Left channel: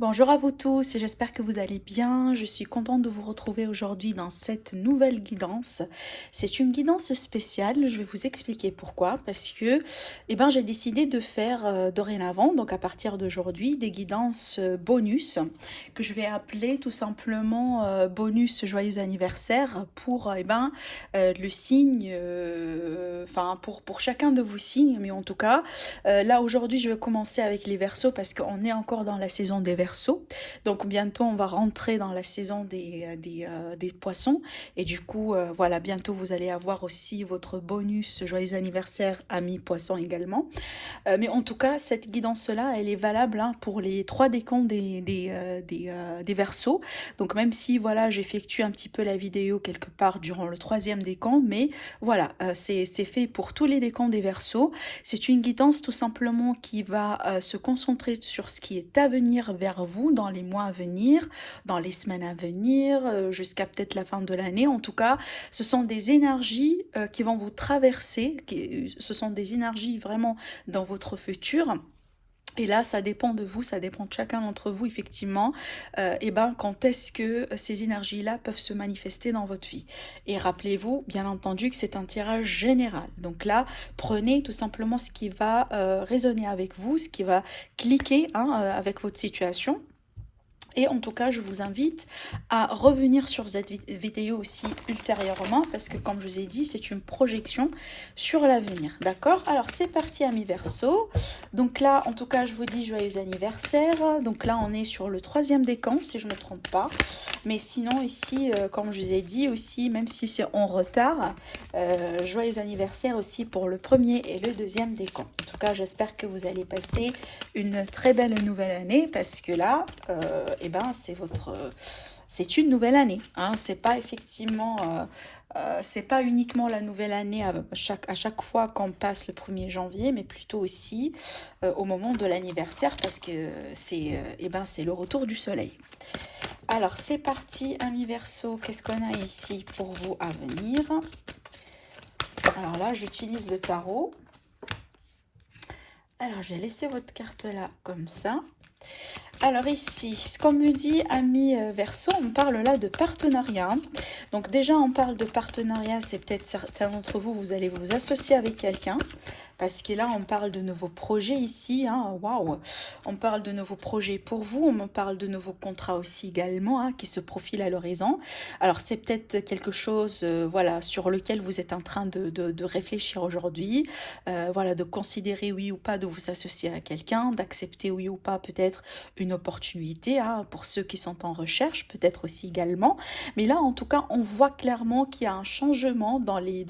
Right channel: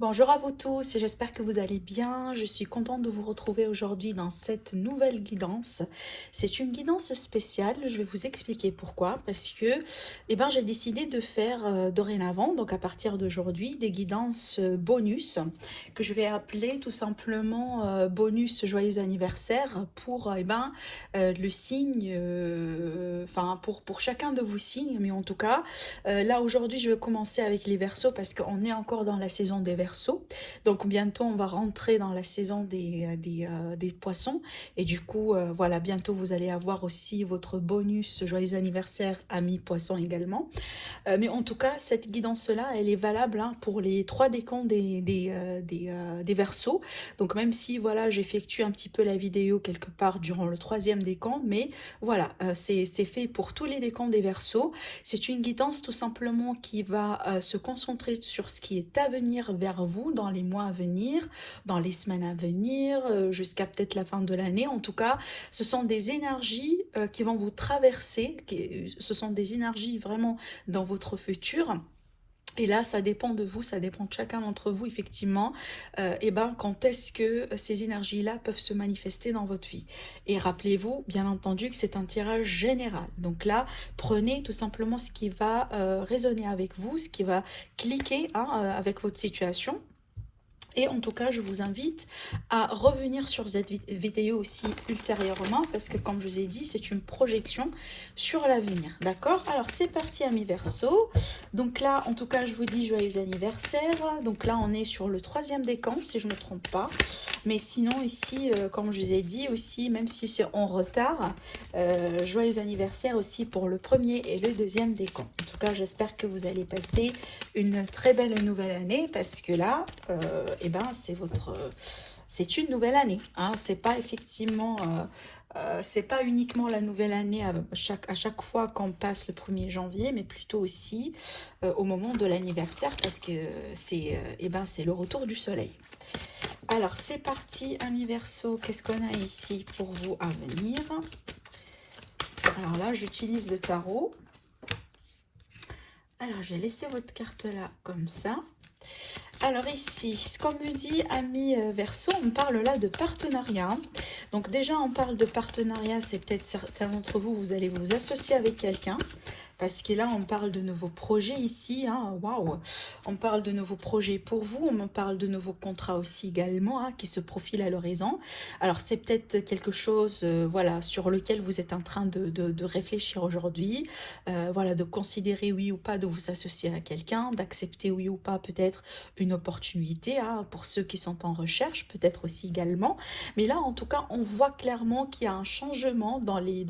Bonjour à vous tous, j'espère que vous allez bien. Je suis contente de vous retrouver aujourd'hui dans cette nouvelle guidance. C'est une guidance spéciale, je vais vous expliquer pourquoi. Parce que j'ai décidé de faire dorénavant, donc à partir d'aujourd'hui, des guidances bonus que je vais appeler tout simplement bonus joyeux anniversaire pour le signe, pour chacun de vos signes, mais en tout cas, là aujourd'hui je vais commencer avec les Verseaux parce qu'on est encore dans la saison des Verseaux. Donc bientôt on va rentrer dans la saison des Poissons. Et du coup, voilà, bientôt vous allez avoir aussi votre bonus joyeux anniversaire amis Poissons également. Mais en tout cas, cette guidance-là, elle est valable pour les trois décans des Verseaux. Donc même si voilà, j'effectue un petit peu la vidéo quelque part durant le troisième décan, mais voilà, c'est fait pour tous les décans des Verseaux. C'est une guidance tout simplement qui va se concentrer sur ce qui est à venir vers vous dans les mois à venir, dans les semaines à venir, jusqu'à peut-être la fin de l'année. En tout cas, ce sont des énergies qui vont vous traverser, ce sont des énergies vraiment dans votre futur. Et là, ça dépend de vous, ça dépend de chacun d'entre vous, effectivement, quand est-ce que ces énergies-là peuvent se manifester dans votre vie. Et rappelez-vous, bien entendu, que c'est un tirage général. Donc là, prenez tout simplement ce qui va résonner avec vous, ce qui va cliquer avec votre situation. Et en tout cas, je vous invite à revenir sur cette vidéo aussi ultérieurement parce que comme je vous ai dit, c'est une projection sur l'avenir. D'accord? Alors c'est parti amis Verseau. Donc là, en tout cas, je vous dis joyeux anniversaire. Donc là, on est sur le troisième décan si je ne me trompe pas. Mais sinon ici, comme je vous ai dit aussi, même si c'est en retard, joyeux anniversaire aussi pour le premier et le deuxième décan. En tout cas, j'espère que vous allez passer une très belle nouvelle année parce que là, c'est une nouvelle année. Hein. C'est pas effectivement, c'est pas uniquement la nouvelle année à chaque fois qu'on passe le 1er janvier, mais plutôt aussi au moment de l'anniversaire parce que c'est le retour du soleil. Alors c'est parti, amis Verseau, qu'est-ce qu'on a ici pour vous à venir? Alors là, j'utilise le tarot. Alors, je vais laisser votre carte là comme ça. Alors ici, ce qu'on me dit, amis Verseau, on parle là de partenariat. Donc déjà, on parle de partenariat, c'est peut-être certains d'entre vous, vous allez vous associer avec quelqu'un. Parce que là, on parle de nouveaux projets ici. Waouh! On parle de nouveaux projets pour vous. On parle de nouveaux contrats aussi également qui se profilent à l'horizon. Alors, c'est peut-être quelque chose voilà, sur lequel vous êtes en train de réfléchir aujourd'hui. Voilà, de considérer oui ou pas de vous associer à quelqu'un, d'accepter oui ou pas peut-être une opportunité pour ceux qui sont en recherche, peut-être aussi également. Mais là, en tout cas, on voit clairement qu'il y a un changement dans les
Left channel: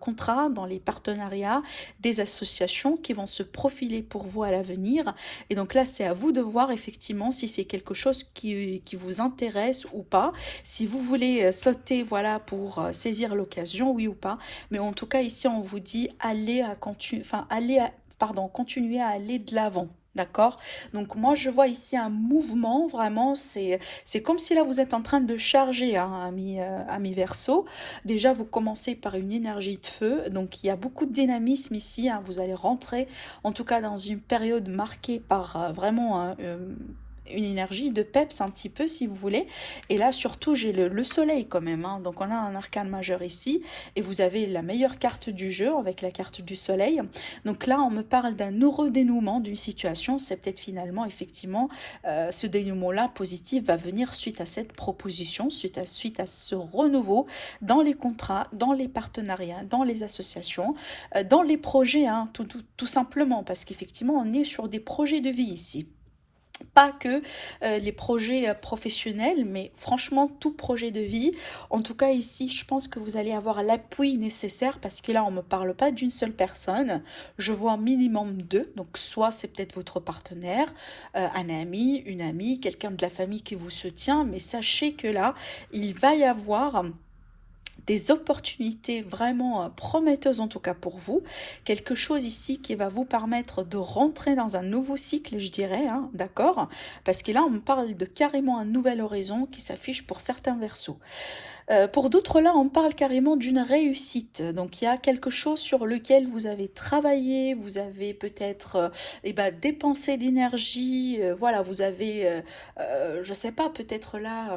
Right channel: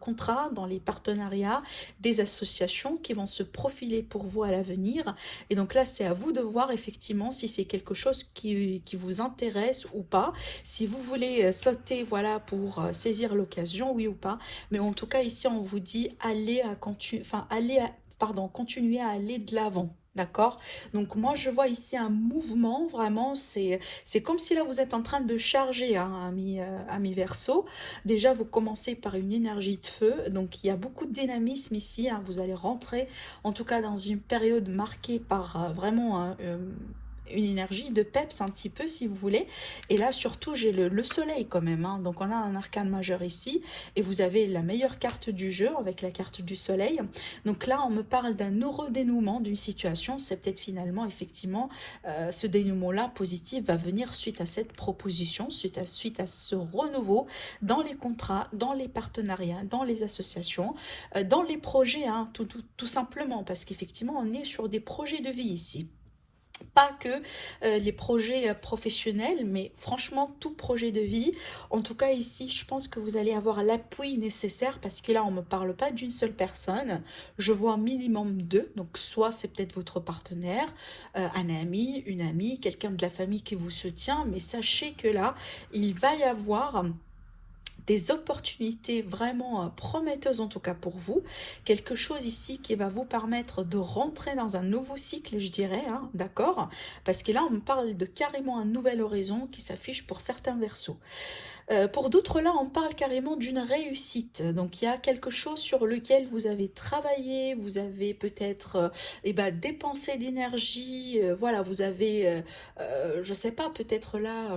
contrats, dans les partenariats, des associations qui vont se profiler pour vous à l'avenir. Et donc là, c'est à vous de voir effectivement si c'est quelque chose qui vous intéresse ou pas. Si vous voulez sauter voilà, pour saisir l'occasion, oui ou pas. Mais en tout cas, ici, on vous dit continuer à aller de l'avant. D'accord? Donc moi je vois ici un mouvement, vraiment, c'est comme si là vous êtes en train de charger, ami Verseau. Déjà vous commencez par une énergie de feu, donc il y a beaucoup de dynamisme ici, vous allez rentrer en tout cas dans une période marquée par vraiment une énergie de peps un petit peu si vous voulez. Et là surtout j'ai le soleil quand même, donc on a un arcane majeur ici et vous avez la meilleure carte du jeu avec la carte du soleil. Donc là on me parle d'un heureux dénouement d'une situation, c'est peut-être finalement effectivement ce dénouement là positif va venir suite à cette proposition, suite à ce renouveau dans les contrats, dans les partenariats, dans les associations, dans les projets, tout simplement parce qu'effectivement on est sur des projets de vie ici. Pas que les projets professionnels, mais franchement tout projet de vie. En tout cas ici, je pense que vous allez avoir l'appui nécessaire parce que là, on ne me parle pas d'une seule personne. Je vois un minimum deux. Donc soit c'est peut-être votre partenaire, un ami, une amie, quelqu'un de la famille qui vous soutient. Mais sachez que là, il va y avoir des opportunités vraiment prometteuses, en tout cas pour vous. Quelque chose ici qui va vous permettre de rentrer dans un nouveau cycle, je dirais, hein, d'accord? Parce que là, on me parle de carrément un nouvel horizon qui s'affiche pour certains versos. Pour d'autres, là, on parle carrément d'une réussite. Donc, il y a quelque chose sur lequel vous avez travaillé, vous avez peut-être eh ben, dépensé d'énergie, voilà, vous avez, je ne sais pas, peut-être là,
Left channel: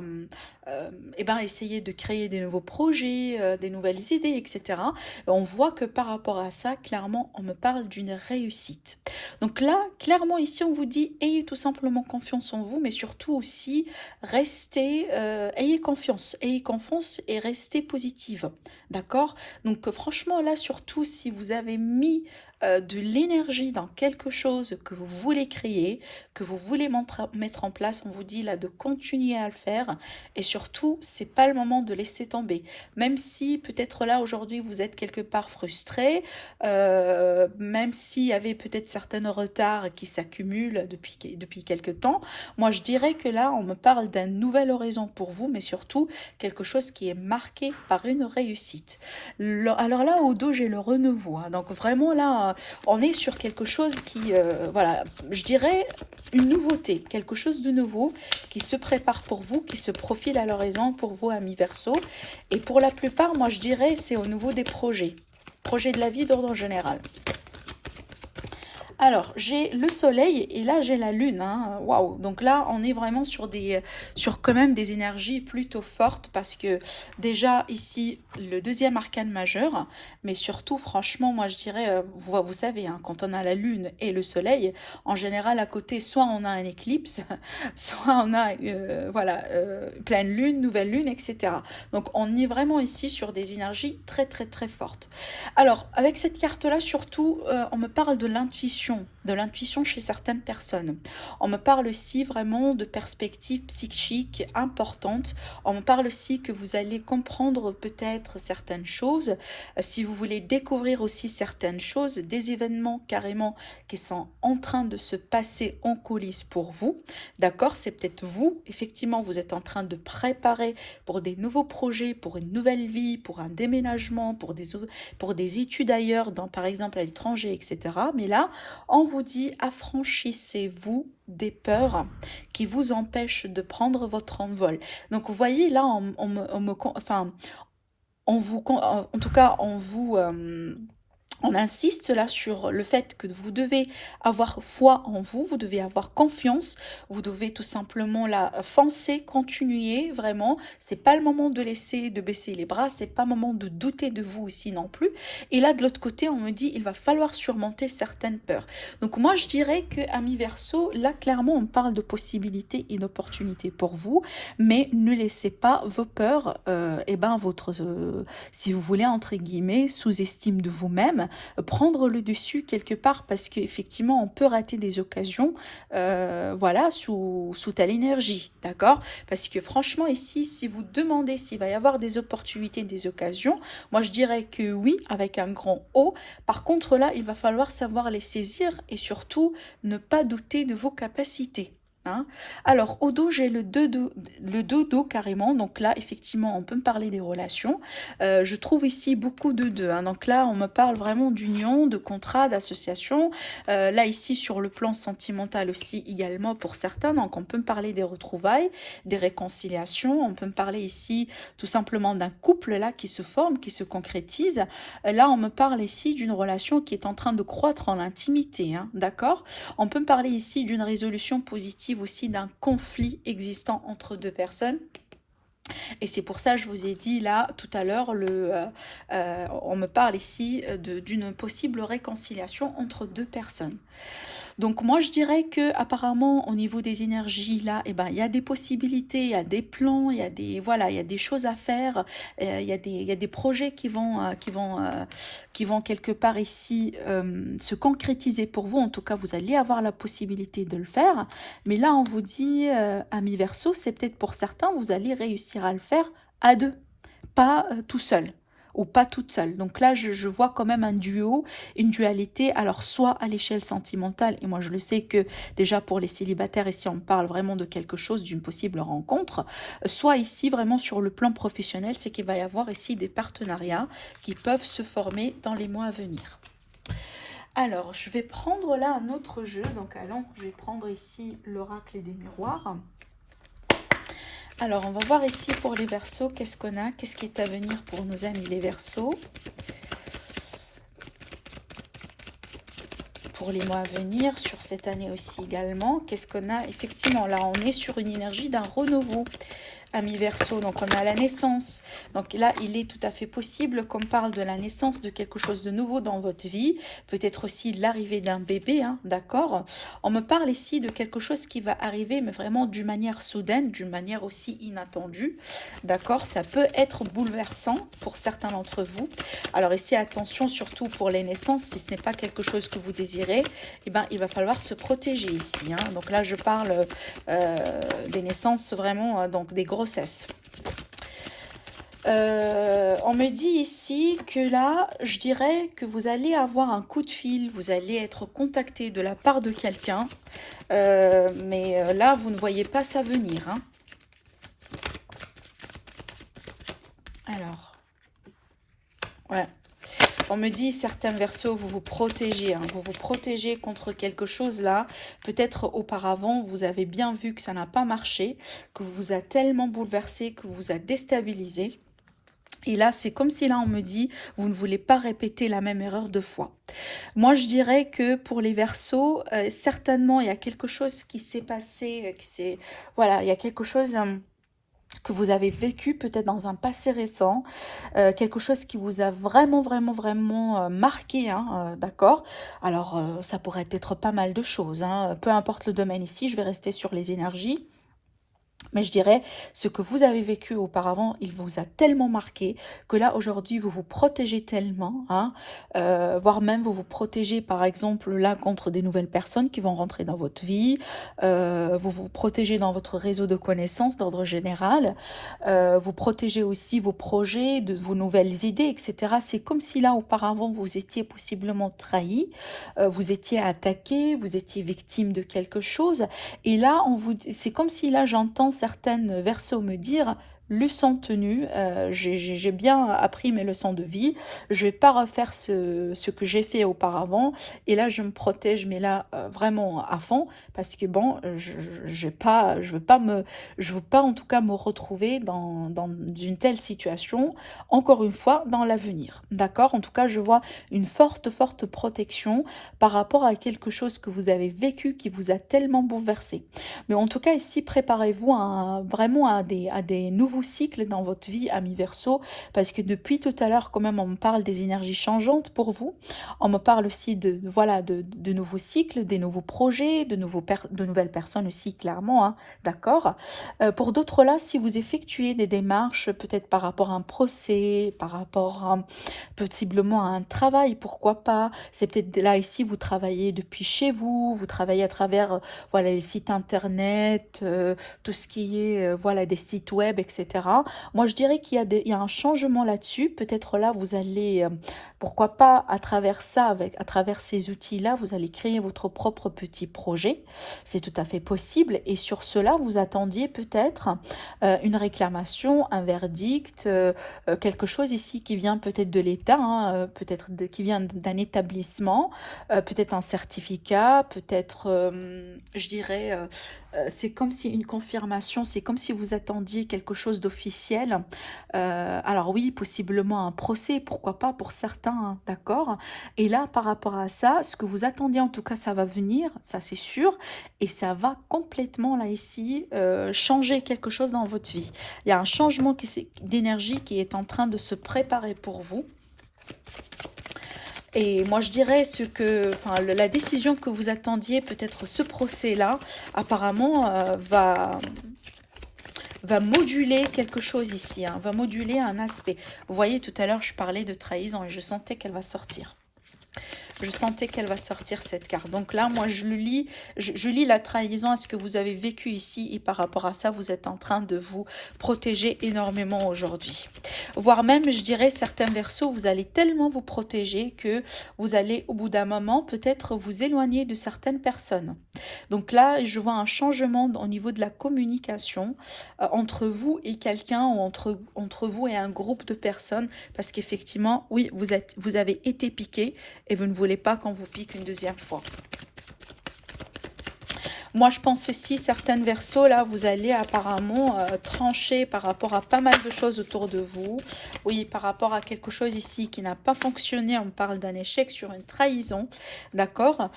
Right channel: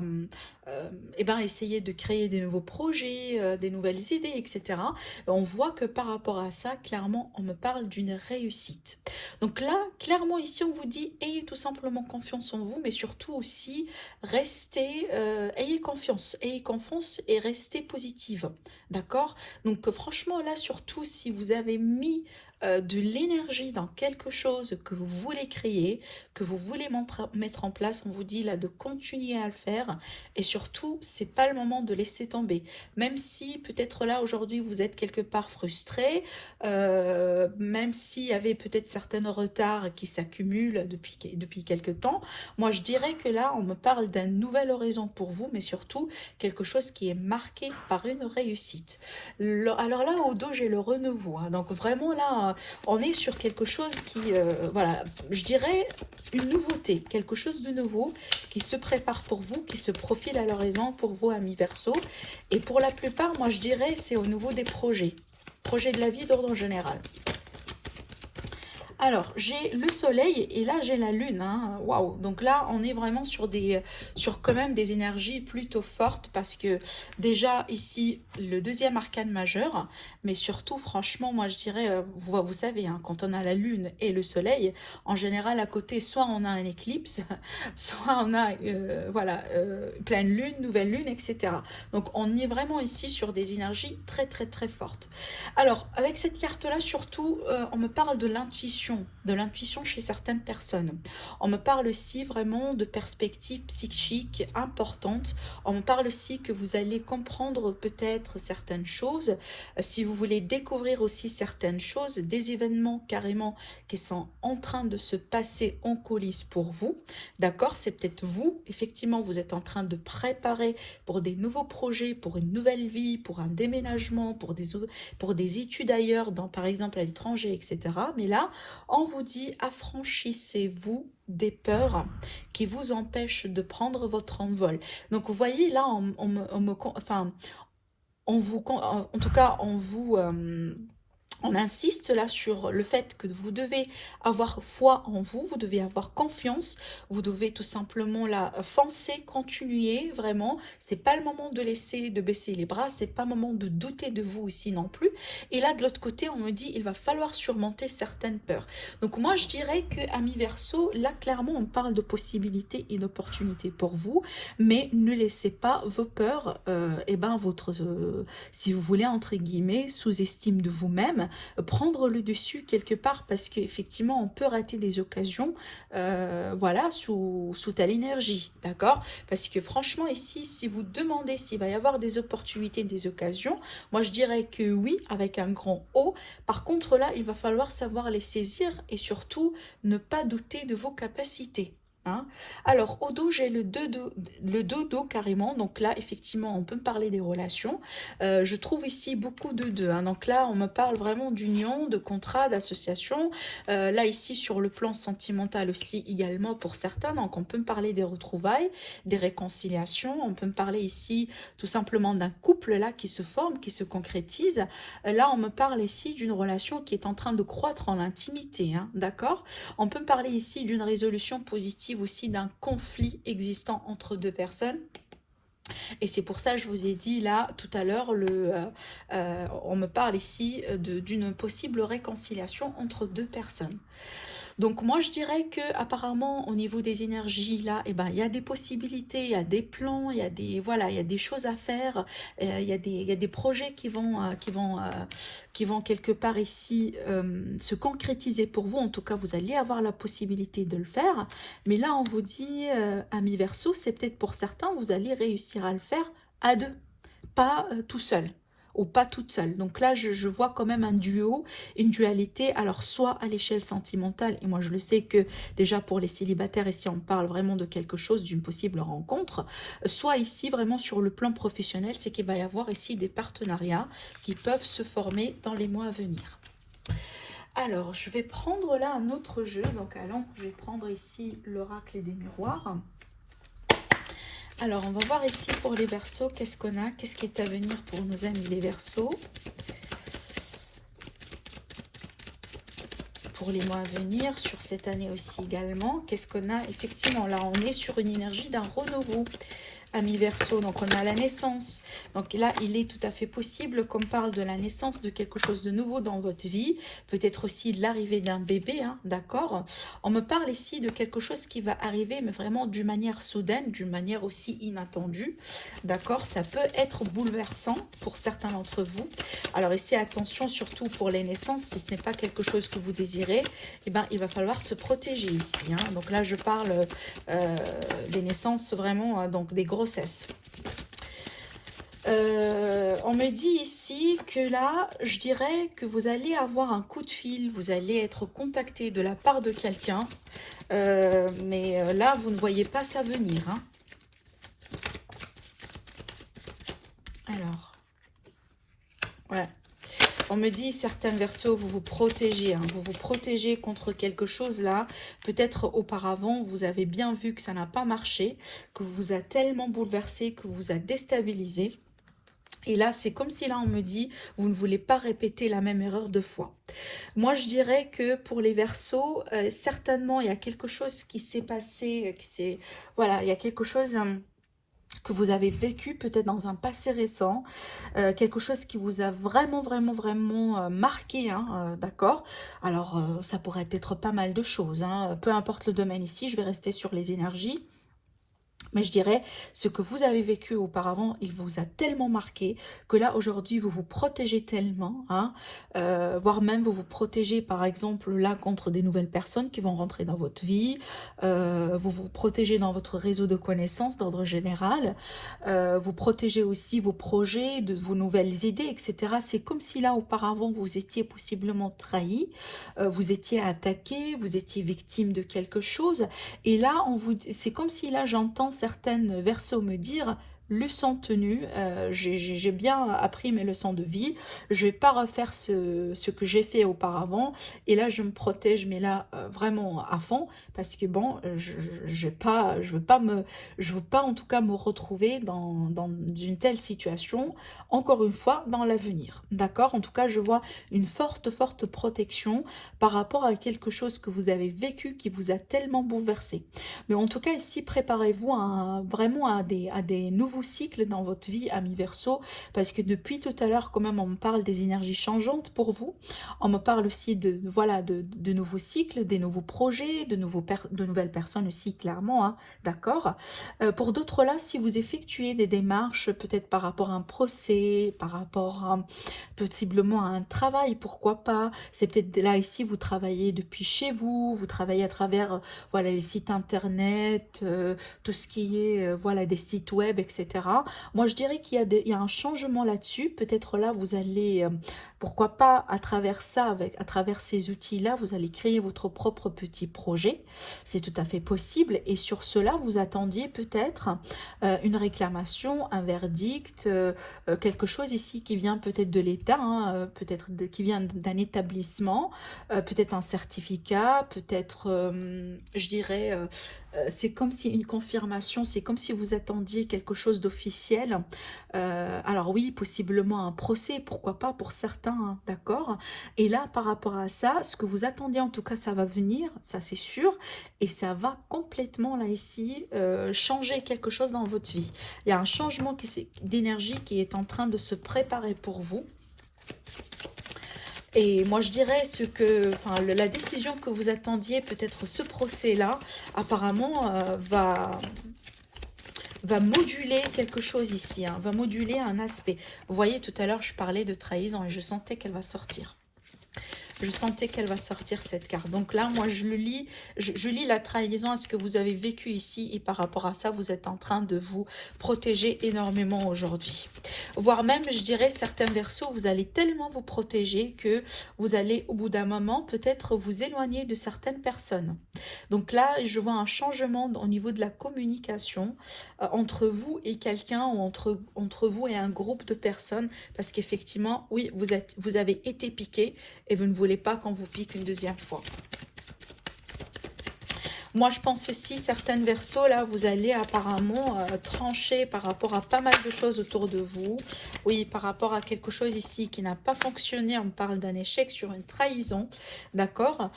eh ben, essayé de créer des nouveaux projets, des nouvelles idées, etc. Et on voit que par rapport à ça, clairement, on me parle d'une réussite. Donc là, clairement, ici, on vous dit, ayez tout simplement confiance en vous, mais surtout aussi, restez, ayez confiance et restez positive, d'accord? Donc franchement là, surtout si vous avez mis de l'énergie dans quelque chose que vous voulez créer, que vous voulez mettre en place, on vous dit là de continuer à le faire et surtout, c'est pas le moment de laisser tomber. Même si peut-être là aujourd'hui vous êtes quelque part frustré, même s'il y avait peut-être certains retards qui s'accumulent depuis quelques temps, moi, je dirais que là, on me parle d'un nouvel horizon pour vous, mais surtout quelque chose qui est marqué par une réussite. Alors là, au dos, j'ai le renouveau, hein. Donc vraiment là, on est sur quelque chose qui, voilà, je dirais une nouveauté, quelque chose de nouveau qui se prépare pour vous, qui se profile à l'horizon pour vous, amis Verseau. Et pour la plupart, moi, je dirais, c'est au niveau des projets de la vie d'ordre général. Alors, j'ai le soleil et là, j'ai la lune, hein. Waouh! Donc là, on est vraiment sur quand même des énergies plutôt fortes parce que déjà ici, le deuxième arcane majeur, mais surtout, franchement, moi je dirais, vous savez, hein, quand on a la lune et le soleil, en général, à côté, soit on a un éclipse, soit on a, voilà, pleine lune, nouvelle lune, etc. Donc, on est vraiment ici sur des énergies très, très, très fortes. Alors, avec cette carte-là, surtout, on me parle de l'intuition chez certaines personnes. On me parle aussi vraiment de perspectives psychiques importantes. On me parle aussi que vous allez comprendre peut-être certaines choses. Si vous voulez découvrir aussi certaines choses, des événements carrément qui sont en train de se passer en coulisses pour vous. D'accord? C'est peut-être vous, effectivement, vous êtes en train de préparer pour des nouveaux projets, pour une nouvelle vie, pour un déménagement, pour des études ailleurs, dans, par exemple à l'étranger, etc. Mais là, on vous dit affranchissez-vous des peurs qui vous empêchent de prendre votre envol. Donc vous voyez là, enfin, en tout cas, on insiste là sur le fait que vous devez avoir foi en vous, vous devez avoir confiance, vous devez tout simplement là foncer, continuer vraiment. C'est pas le moment de de baisser les bras, c'est pas le moment de douter de vous aussi non plus. Et là de l'autre côté, on me dit il va falloir surmonter certaines peurs. Donc moi je dirais que ami Verseau, là clairement on parle de possibilités et d'opportunités pour vous, mais ne laissez pas vos peurs, et ben si vous voulez entre guillemets sous-estime de vous-même prendre le dessus quelque part parce qu'effectivement on peut rater des occasions voilà sous telle énergie, d'accord? Parce que franchement ici si vous demandez s'il va y avoir des opportunités, des occasions, moi je dirais que oui avec un grand O. Par contre là il va falloir savoir les saisir et surtout ne pas douter de vos capacités. Hein. Alors au dos j'ai le dodo carrément, donc là effectivement on peut me parler des relations. Je trouve ici beaucoup de deux, hein. Donc là on me parle vraiment d'union, de contrat, d'association. Là ici sur le plan sentimental aussi également pour certains, donc on peut me parler des retrouvailles, des réconciliations, on peut me parler ici tout simplement d'un couple là qui se forme, qui se concrétise. Là on me parle ici d'une relation qui est en train de croître en intimité, hein, d'accord? On peut me parler ici d'une résolution positive aussi d'un conflit existant entre deux personnes. Et c'est pour ça que je vous ai dit là tout à l'heure, on me parle ici d'une possible réconciliation entre deux personnes. Donc moi je dirais que apparemment au niveau des énergies là, eh ben, il y a des possibilités, il y a des plans, il y a des, voilà, il y a des choses à faire, il y a des projets qui vont quelque part ici se concrétiser pour vous. En tout cas, vous allez avoir la possibilité de le faire. Mais là, on vous dit, ami Verseau, c'est peut-être pour certains, vous allez réussir à le faire à deux, pas tout seul. ou pas toute seule. Donc là, je vois quand même un duo, une dualité, alors soit à l'échelle sentimentale, et moi je le sais que déjà pour les célibataires, ici on parle vraiment de quelque chose, d'une possible rencontre, soit ici vraiment sur le plan professionnel, c'est qu'il va y avoir ici des partenariats qui peuvent se former dans les mois à venir. Alors, je vais prendre là un autre jeu, donc allons, je vais prendre ici l'oracle des miroirs. Alors, on va voir ici pour les Verseaux, qu'est-ce qu'on a, qu'est-ce qui est à venir pour nos amis les Verseaux. Pour les mois à venir, sur cette année aussi également, qu'est-ce qu'on a? Effectivement, là, on est sur une énergie d'un renouveau. Amis Verseau, donc on a la naissance. Donc là, il est tout à fait possible qu'on parle de la naissance de quelque chose de nouveau dans votre vie. Peut-être aussi l'arrivée d'un bébé, hein, d'accord? On me parle ici de quelque chose qui va arriver, mais vraiment d'une manière soudaine, d'une manière aussi inattendue, d'accord? Ça peut être bouleversant pour certains d'entre vous. Alors ici, attention surtout pour les naissances, si ce n'est pas quelque chose que vous désirez, eh ben, il va falloir se protéger ici, hein. Donc là, je parle des naissances vraiment, donc des grossesses. On me dit ici que là, je dirais que vous allez avoir un coup de fil, vous allez être contacté de la part de quelqu'un, mais là, vous ne voyez pas ça venir, hein. Alors, ouais. On me dit, certains Verseaux, vous vous protégez, hein, vous vous protégez contre quelque chose là. Peut-être auparavant, vous avez bien vu que ça n'a pas marché, que vous a tellement bouleversé, que vous a déstabilisé. Et là, c'est comme si là, on me dit, vous ne voulez pas répéter la même erreur deux fois. Moi, je dirais que pour les Verseaux, certainement, il y a quelque chose qui s'est passé, voilà, il y a quelque chose que vous avez vécu peut-être dans un passé récent, quelque chose qui vous a vraiment marqué, hein, d'accord? Alors, ça pourrait être pas mal de choses, hein, peu importe le domaine ici, je vais rester sur les énergies. Mais je dirais, ce que vous avez vécu auparavant, il vous a tellement marqué que là, aujourd'hui, vous vous protégez tellement, hein, voire même vous vous protégez, par exemple, là, contre des nouvelles personnes qui vont rentrer dans votre vie, vous vous protégez dans votre réseau de connaissances d'ordre général, vous protégez aussi vos projets, de vos nouvelles idées, etc. C'est comme si là, auparavant, vous étiez possiblement trahi, vous étiez attaqué, vous étiez victime de quelque chose, et là, c'est comme si là, j'entends certaines Verseaux me dire: leçon tenue, j'ai bien appris mes leçons de vie, je vais pas refaire ce que j'ai fait auparavant, et là je me protège, mais là vraiment à fond, parce que bon, je veux pas en tout cas me retrouver dans une telle situation, encore une fois, dans l'avenir, d'accord? En tout cas, je vois une forte protection par rapport à quelque chose que vous avez vécu, qui vous a tellement bouleversé. Mais en tout cas, ici, préparez-vous vraiment à des nouveaux cycles dans votre vie, amis Verseau, parce que depuis tout à l'heure, quand même, on me parle des énergies changeantes pour vous. On me parle aussi voilà, de nouveaux cycles, des nouveaux projets, de nouvelles personnes aussi, clairement, hein, d'accord? Pour d'autres là, si vous effectuez des démarches, peut-être par rapport à un procès, par rapport à, possiblement à un travail, pourquoi pas? C'est peut-être là, ici, vous travaillez depuis chez vous, vous travaillez à travers voilà, les sites internet, tout ce qui est voilà, des sites web, etc. Moi, je dirais qu'il y a un changement là-dessus. Peut-être là, vous allez, pourquoi pas, à travers ça, à travers ces outils-là, vous allez créer votre propre petit projet. C'est tout à fait possible. Et sur cela, vous attendiez peut-être une réclamation, un verdict, quelque chose ici qui vient peut-être de l'État, hein, peut-être qui vient d'un établissement, peut-être un certificat, peut-être, je dirais, c'est comme si une confirmation, c'est comme si vous attendiez quelque chose d'officiel. Alors oui, possiblement un procès, pourquoi pas pour certains, hein, d'accord? Et là, par rapport à ça, ce que vous attendiez, en tout cas, ça va venir, ça c'est sûr, et ça va complètement, là, ici, changer quelque chose dans votre vie. Il y a un changement d'énergie qui est en train de se préparer pour vous. Et moi, je dirais la décision que vous attendiez, peut-être ce procès-là, apparemment, va moduler quelque chose ici, hein, va moduler un aspect. Vous voyez, tout à l'heure, je parlais de trahison et je sentais qu'elle va sortir. Je sentais qu'elle va sortir cette carte. Donc là, moi, je le lis, je lis la trahison à ce que vous avez vécu ici. Et par rapport à ça, vous êtes en train de vous protéger énormément aujourd'hui. Voire même, je dirais, certains versos, vous allez tellement vous protéger que vous allez, au bout d'un moment, peut-être vous éloigner de certaines personnes. Donc là, je vois un changement au niveau de la communication entre vous et quelqu'un ou entre vous et un groupe de personnes. Parce qu'effectivement, oui, vous avez été piqué et vous ne voulez pas qu'on vous pique une deuxième fois. Moi, je pense aussi, certaines versos, là, vous allez apparemment trancher par rapport à pas mal de choses autour de vous. Oui, par rapport à quelque chose ici qui n'a pas fonctionné, on parle d'un échec sur une trahison, d'accord.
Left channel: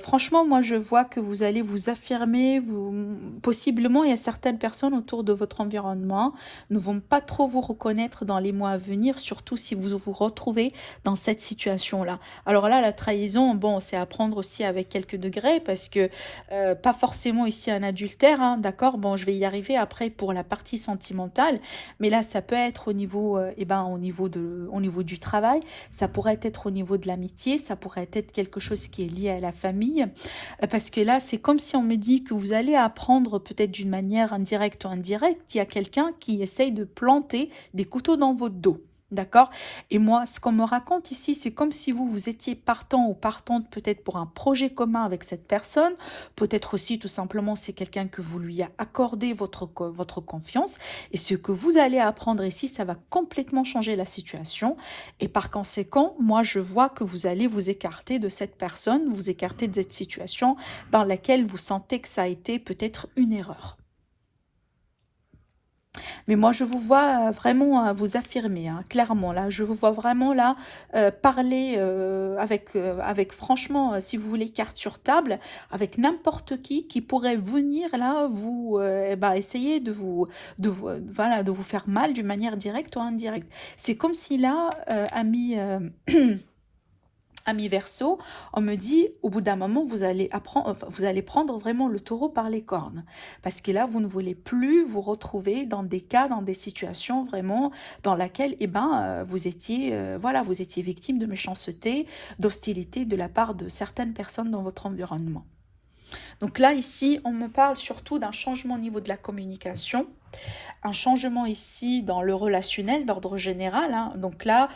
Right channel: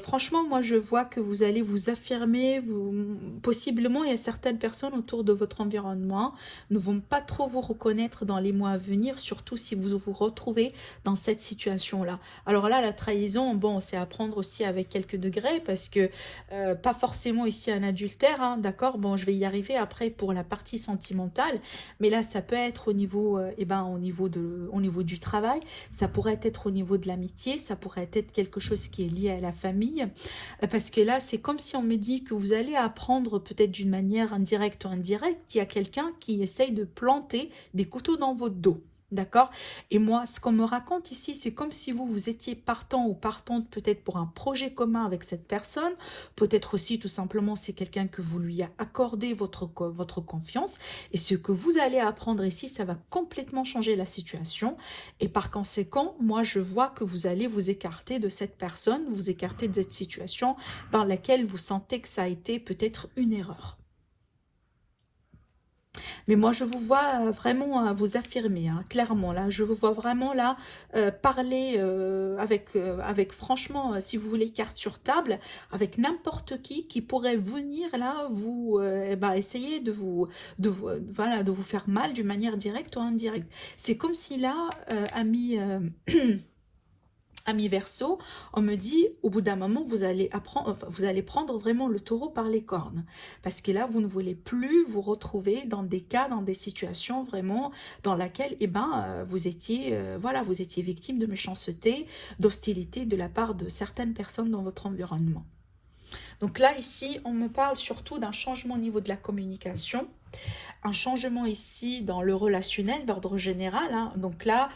Franchement, moi, je vois que vous allez vous affirmer, possiblement, il y a certaines personnes autour de votre environnement ne vont pas trop vous reconnaître dans les mois à venir, surtout si vous vous retrouvez dans cette situation-là. Alors là, la trahison, bon, c'est à prendre aussi avec quelques degrés, parce que pas forcément ici un adultère, hein, d'accord. Bon, je vais y arriver après pour la partie sentimentale, mais là, ça peut être au niveau, au niveau du travail, ça pourrait être au niveau de l'amitié, ça pourrait être quelque chose qui est lié à la famille, parce que là, c'est comme si on me dit que vous allez apprendre peut-être d'une manière indirecte ou indirecte, il y a quelqu'un qui essaye de planter des couteaux dans votre dos. D'accord. Et moi, ce qu'on me raconte ici, c'est comme si vous étiez partant ou partante peut-être pour un projet commun avec cette personne. Peut-être aussi, tout simplement, c'est quelqu'un que vous lui a accordé votre confiance. Et ce que vous allez apprendre ici, ça va complètement changer la situation. Et par conséquent, moi, je vois que vous allez vous écarter de cette personne, vous écarter de cette situation dans laquelle vous sentez que ça a été peut-être une erreur. Mais moi, je vous vois vraiment vous affirmer, hein, clairement. Là, je vous vois vraiment là parler avec franchement, si vous voulez, carte sur table, avec n'importe qui pourrait venir là vous essayer voilà, de vous faire mal d'une manière directe ou indirecte. C'est comme si là, Ami Verseau, on me dit, au bout d'un moment, vous allez prendre vraiment le taureau par les cornes. Parce que là, vous ne voulez plus vous retrouver dans des cas, dans des situations vraiment dans laquelle vous étiez victime de méchanceté, d'hostilité de la part de certaines personnes dans votre environnement. Donc là, ici, on me parle surtout d'un changement au niveau de la communication, un changement ici dans le relationnel d'ordre général, hein. Donc là,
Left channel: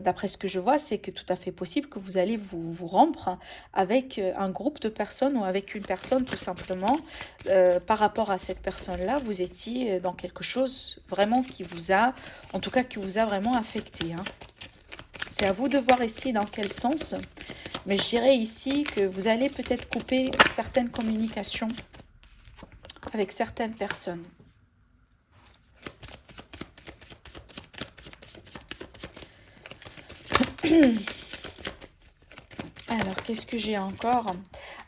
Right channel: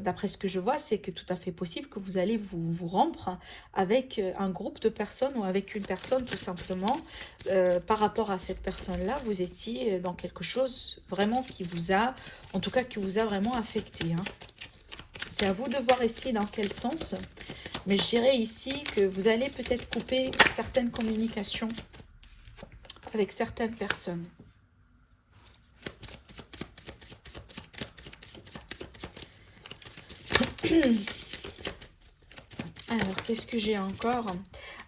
d'après ce que je vois, c'est que tout à fait possible que vous allez vous rompre avec un groupe de personnes ou avec une personne tout simplement. Par rapport à cette personne-là, vous étiez dans quelque chose vraiment qui vous a, en tout cas qui vous a vraiment affecté, hein. C'est à vous de voir ici dans quel sens. Mais je dirais ici que vous allez peut-être couper certaines communications avec certaines personnes. Alors, qu'est-ce que j'ai encore ?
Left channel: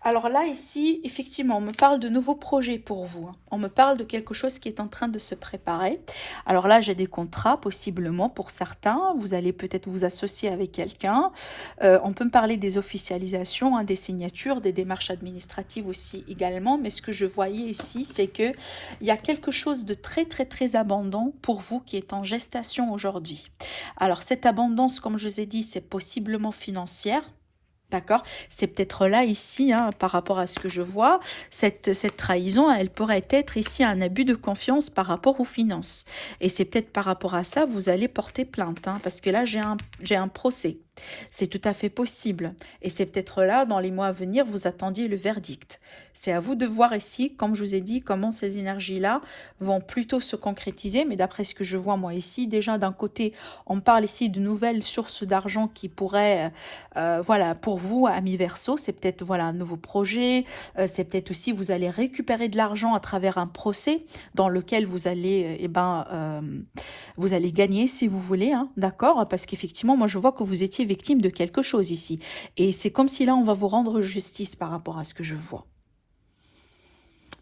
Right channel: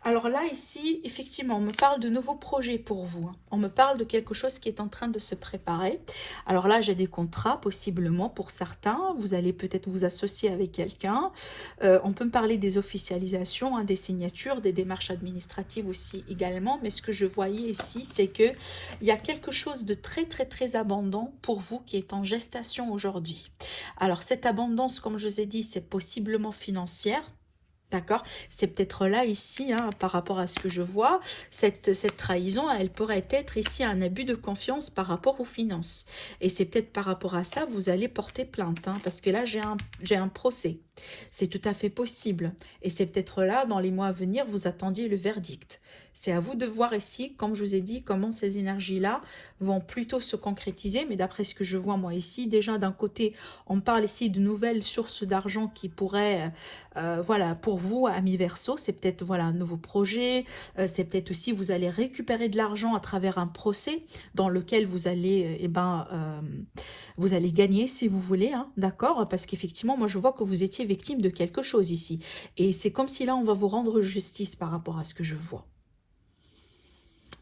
Alors là, ici, effectivement, on me parle de nouveaux projets pour vous. On me parle de quelque chose qui est en train de se préparer. Alors là, j'ai des contrats, possiblement, pour certains. Vous allez peut-être vous associer avec quelqu'un. On peut me parler des officialisations, hein, des signatures, des démarches administratives aussi également. Mais ce que je voyais ici, c'est qu'il y a quelque chose de très, très, très abondant pour vous qui est en gestation aujourd'hui. Alors, cette abondance, comme je vous ai dit, c'est possiblement financière. D'accord. C'est peut-être là, ici, hein, par rapport à ce que je vois, cette trahison, elle pourrait être ici un abus de confiance par rapport aux finances. Et c'est peut-être par rapport à ça, vous allez porter plainte, hein, parce que là, j'ai un procès. C'est tout à fait possible. Et c'est peut-être là, dans les mois à venir, vous attendiez le verdict. C'est à vous de voir ici, comme je vous ai dit, comment ces énergies-là vont plutôt se concrétiser. Mais d'après ce que je vois, moi, ici, déjà, d'un côté, on parle ici de nouvelles sources d'argent qui pourraient, voilà, pour vous, amis Verseau, c'est peut-être, voilà, un nouveau projet. C'est peut-être aussi, vous allez récupérer de l'argent à travers un procès dans lequel vous allez, vous allez gagner, si vous voulez, hein, d'accord? Parce qu'effectivement, moi, je vois que vous étiez victime de quelque chose ici. Et c'est comme si là, on va vous rendre justice par rapport à ce que je vois.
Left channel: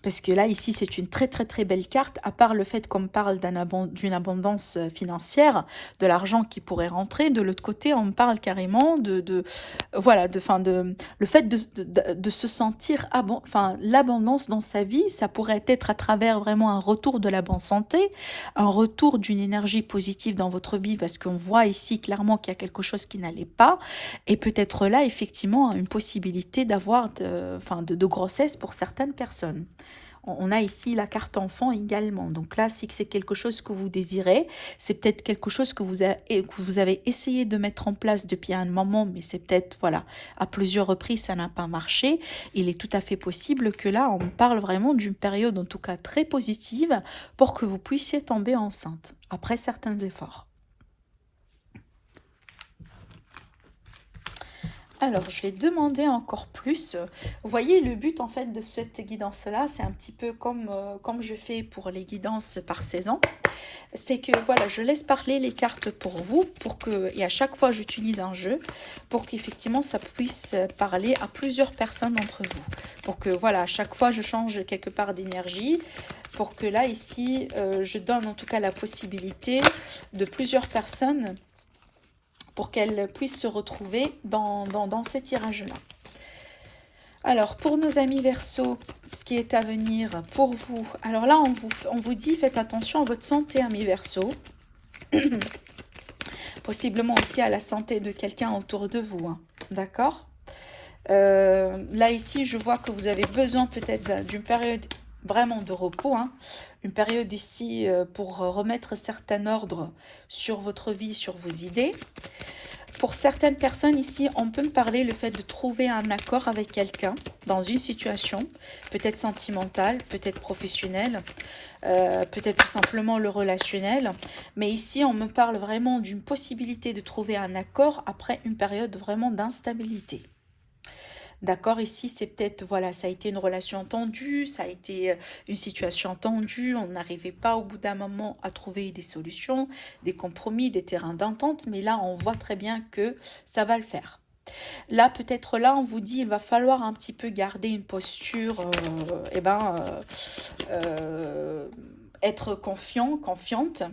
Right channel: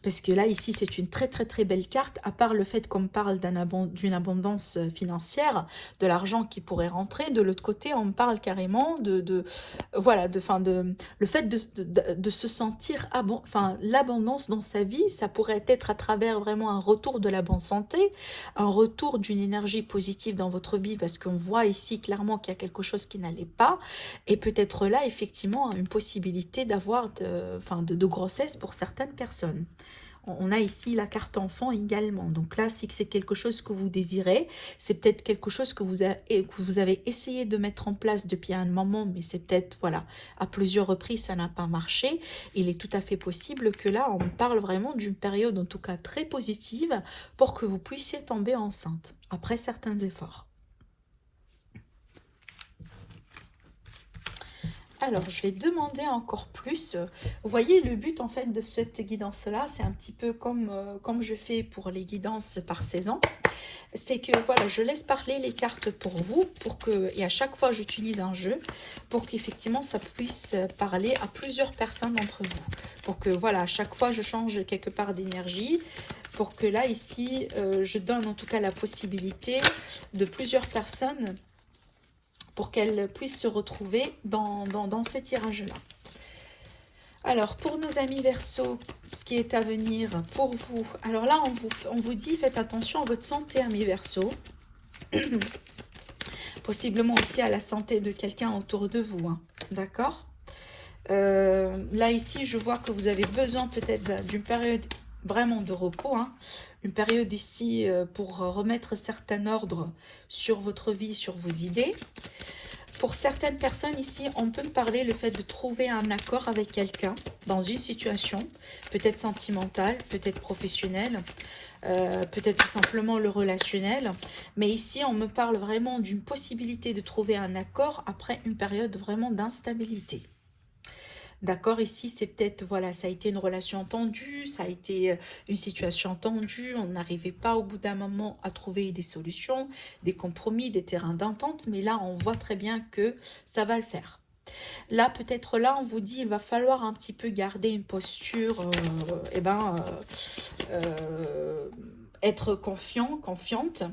parce que là, ici, c'est une très très très belle carte, à part le fait qu'on me parle d'une abondance financière, de l'argent qui pourrait rentrer, de l'autre côté, on me parle carrément voilà, le fait de se sentir, l'abondance dans sa vie, ça pourrait être à travers vraiment un retour de la bonne santé, un retour d'une énergie positive dans votre vie, parce qu'on voit ici clairement qu'il y a quelque chose qui n'allait pas, et peut-être là, effectivement, une possibilité d'avoir de grossesse pour certaines personnes. On a ici la carte enfant également. Donc là, si c'est quelque chose que vous désirez, c'est peut-être quelque chose que vous avez essayé de mettre en place depuis un moment, mais c'est peut-être, voilà, à plusieurs reprises, ça n'a pas marché. Il est tout à fait possible que là, on parle vraiment d'une période, en tout cas très positive, pour que vous puissiez tomber enceinte, après certains efforts. Alors, je vais demander encore plus. Vous voyez, le but en fait de cette guidance-là, c'est un petit peu comme je fais pour les guidances par saison. C'est que voilà, je laisse parler les cartes pour vous, et à chaque fois j'utilise un jeu, pour qu'effectivement ça puisse parler à plusieurs personnes d'entre vous. Pour que voilà, à chaque fois je change quelque part d'énergie, pour que là, ici, je donne en tout cas la possibilité de plusieurs personnes pour qu'elles puissent se retrouver dans ces tirages-là. Alors, pour nos amis Verseau, ce qui est à venir pour vous. Alors là, on vous dit, faites attention à votre santé, amis Verseau. Possiblement aussi à la santé de quelqu'un autour de vous. Hein. D'accord là, ici, je vois que vous avez besoin peut-être d'une période vraiment de repos. Hein. Une période ici pour remettre certain ordre sur votre vie, sur vos idées. Pour certaines personnes ici, on peut me parler le fait de trouver un accord avec quelqu'un dans une situation, peut-être sentimentale, peut-être professionnelle, peut-être tout simplement le relationnel. Mais ici, on me parle vraiment d'une possibilité de trouver un accord après une période vraiment d'instabilité. D'accord, ici, c'est peut-être, voilà, ça a été une relation tendue, ça a été une situation tendue, on n'arrivait pas au bout d'un moment à trouver des solutions, des compromis, des terrains d'entente, mais là, on voit très bien que ça va le faire. Là, peut-être là, on vous dit, il va falloir un petit peu garder une posture, être confiant, confiante.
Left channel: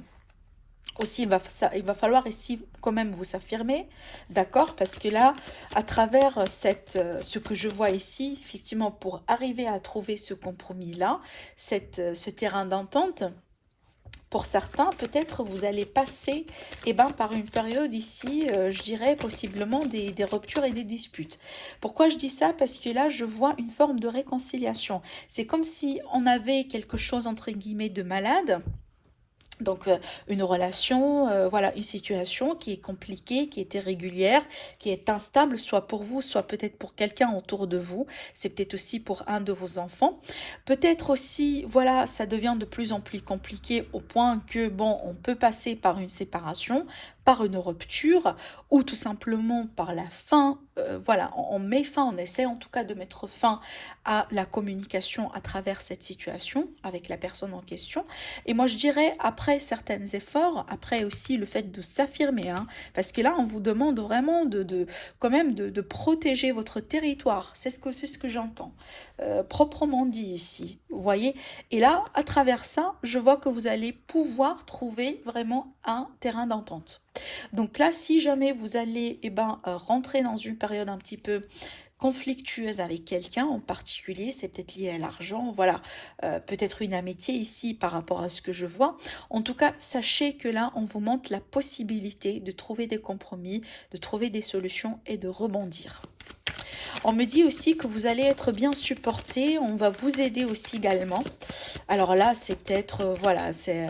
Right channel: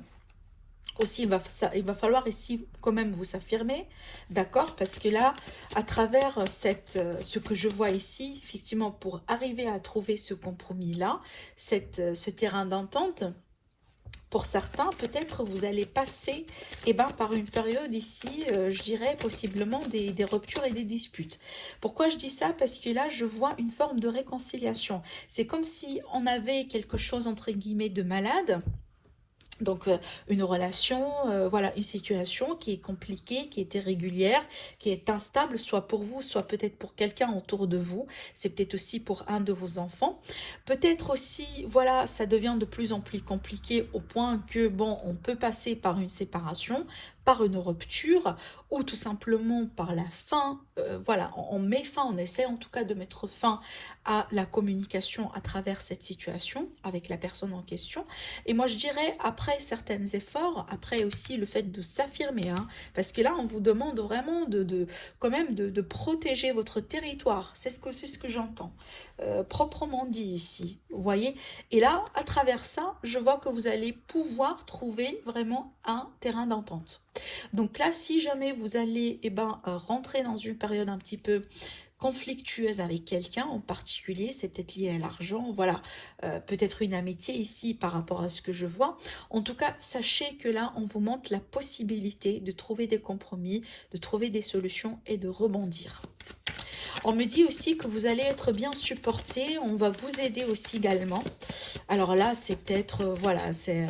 Aussi, il va falloir ici quand même vous affirmer, d'accord? Parce que là, à travers ce que je vois ici, effectivement, pour arriver à trouver ce compromis-là, ce terrain d'entente, pour certains, peut-être vous allez passer par une période ici, je dirais possiblement des ruptures et des disputes. Pourquoi je dis ça? Parce que là, je vois une forme de réconciliation. C'est comme si on avait quelque chose, entre guillemets, de malade. Donc une relation, voilà, une situation qui est compliquée, qui est irrégulière, qui est instable, soit pour vous, soit peut-être pour quelqu'un autour de vous. C'est peut-être aussi pour un de vos enfants. Peut-être aussi, voilà, ça devient de plus en plus compliqué au point que, bon, on peut passer par une séparation, par une rupture, ou tout simplement par la fin. Voilà, on met fin, on essaie en tout cas de mettre fin à la communication à travers cette situation avec la personne en question. Et moi, je dirais, après certains efforts, après aussi le fait de s'affirmer, hein, parce que là, on vous demande vraiment quand même de protéger votre territoire. C'est ce que j'entends, proprement dit ici, vous voyez. Et là, à travers ça, je vois que vous allez pouvoir trouver vraiment un terrain d'entente. Donc là, si jamais vous allez rentrer dans une période un petit peu conflictueuse avec quelqu'un en particulier, c'est peut-être lié à l'argent, voilà, peut-être une amitié ici par rapport à ce que je vois. En tout cas, sachez que là, on vous montre la possibilité de trouver des compromis, de trouver des solutions et de rebondir. On me dit aussi que vous allez être bien supporté, on va vous aider aussi également. Alors là, c'est peut-être, voilà, c'est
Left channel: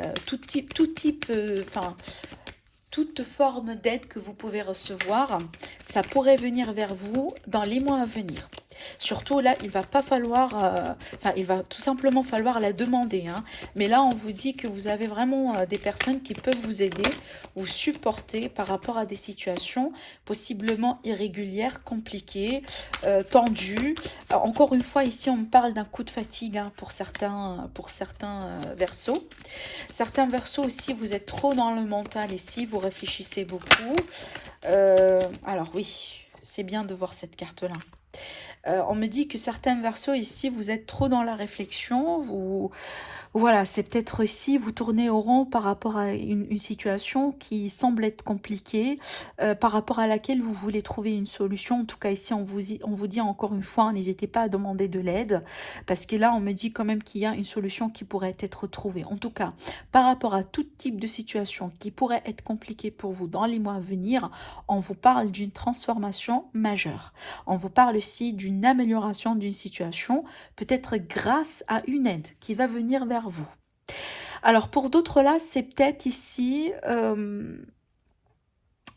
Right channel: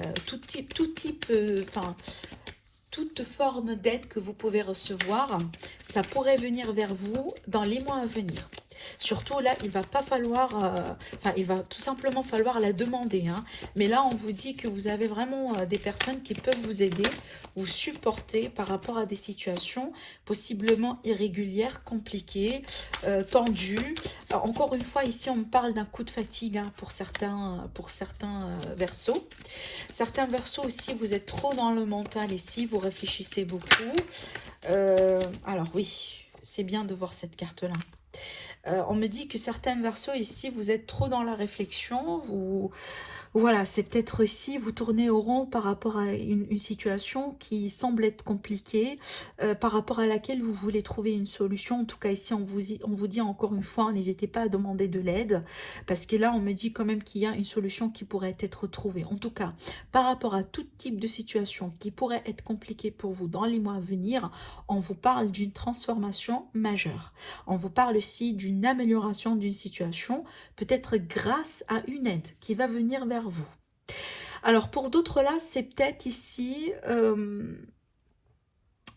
toute forme d'aide que vous pouvez recevoir, ça pourrait venir vers vous dans les mois à venir. Surtout là, il va pas falloir, il va tout simplement falloir la demander. Hein. Mais là, on vous dit que vous avez vraiment des personnes qui peuvent vous aider, vous supporter par rapport à des situations possiblement irrégulières, compliquées, tendues. Encore une fois, ici, on me parle d'un coup de fatigue hein, pour certains Verseaux. Certains Verseaux aussi, vous êtes trop dans le mental ici, vous réfléchissez beaucoup. Alors oui, c'est bien de voir cette carte-là. On me dit que certains versos ici, vous êtes trop dans la réflexion, voilà, c'est peut-être ici, vous tournez au rond par rapport à une situation qui semble être compliquée, par rapport à laquelle vous voulez trouver une solution. En tout cas, ici, on vous dit encore une fois, n'hésitez pas à demander de l'aide, parce que là, on me dit quand même qu'il y a une solution qui pourrait être trouvée. En tout cas, par rapport à tout type de situation qui pourrait être compliquée pour vous dans les mois à venir, on vous parle d'une transformation majeure. On vous parle aussi d'une amélioration d'une situation, peut-être grâce à une aide qui va venir vers vous. Alors pour d'autres là, c'est peut-être ici,